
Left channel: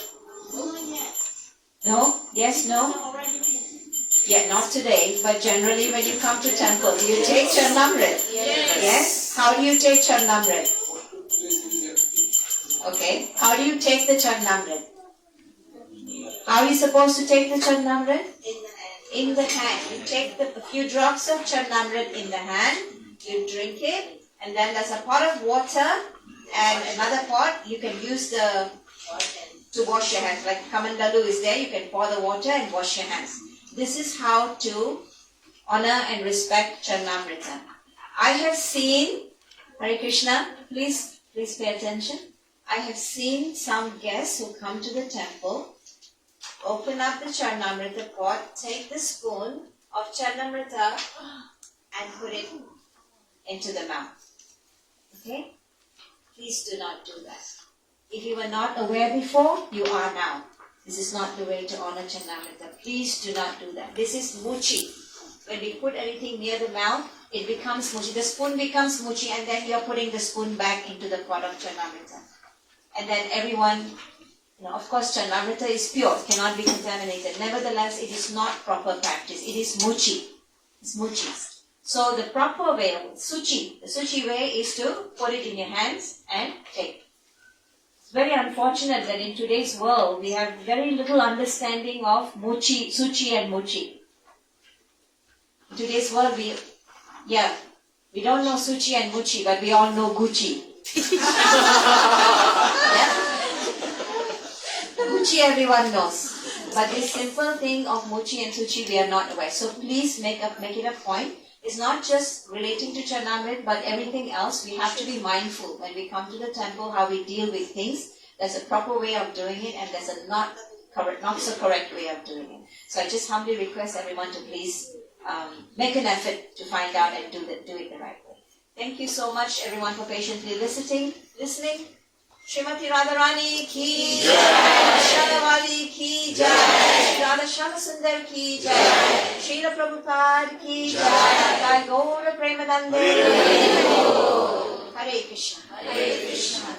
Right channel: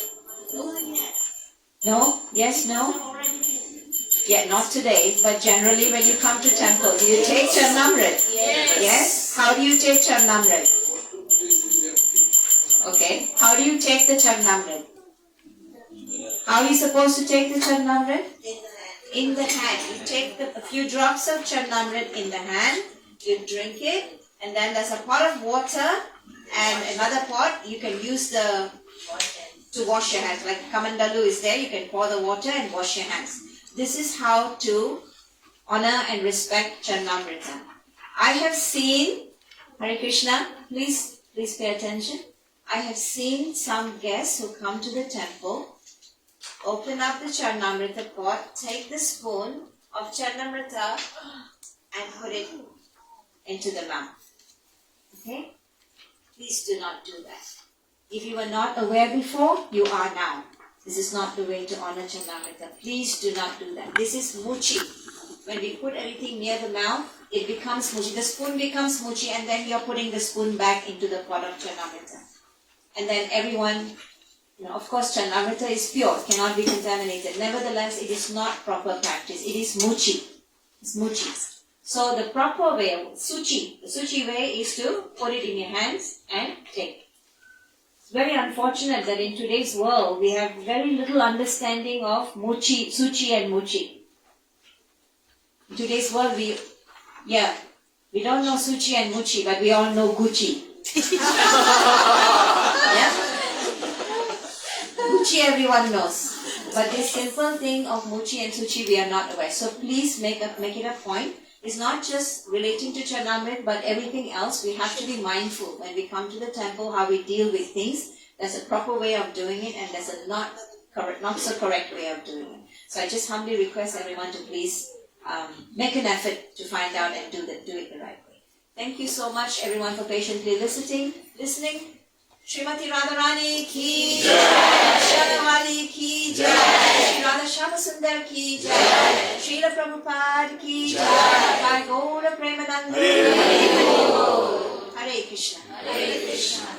No? Yes? No? Yeah, not today, but generally when you come to temple, do you take Charnamrit? Yes. Yes? How do you take Charnamrit? Okay. How do you take the Charnamrit? How are you supposed to take the Charnamrit? In the hand. You take a few drops of Charnamrit in the hand, you drink it, and then there's a pot of water and another pot you can use to wash your hands. Like Kamandalu is there, you can pour the water and wash your hands. This is how to honor and respect Charnamrita. I have seen, Hare Krishna, please pay attention. I have seen some guests who come to the temple, open up the Charnamrita pot, take the spoon of Charnamrita and put it into the mouth. Okay? Please do not do that. If you were not aware before, you are now. This is not the way to honor Charnamrita. Please do not do that. This is muchi. When we put anything near the mouth, it becomes muchi. The spoon becomes muchi, and then we are putting the spoon back into the pot of Charnamrita. And then everyone, of course Charnamrita is pure, cannot be contaminated. Nevertheless, it is not proper practice. It is muchi. It's muchi. So the proper way, suchi, the suchi way is to put it in your hands and take. It's very unfortunate that in today's world we have very little understanding of suchi and muchi. In today's world we don't know suchi and muchi, but we all know Gucci. Yeah? Gucci everyone knows. But this simple thing of muchi and suchi we are not aware. So please make it a point. It's not just relating to Charnamrit, but everything else. We have to be mindful when we come to the temple, how we deal with things. There's a proper way of doing it, and there's a not so correct way of doing it. So I just humbly request everyone to please make an effort to find out and do it the right way. Thank you so much, everyone, for patiently listening. Srimati Radharani ki jai, Srimati ki jai, Shri Radha Shyama Sundar ki jai, Srila Prabhupada ki jai, Jai Gaura Premananda. Hare Krishna. Hare Krishna.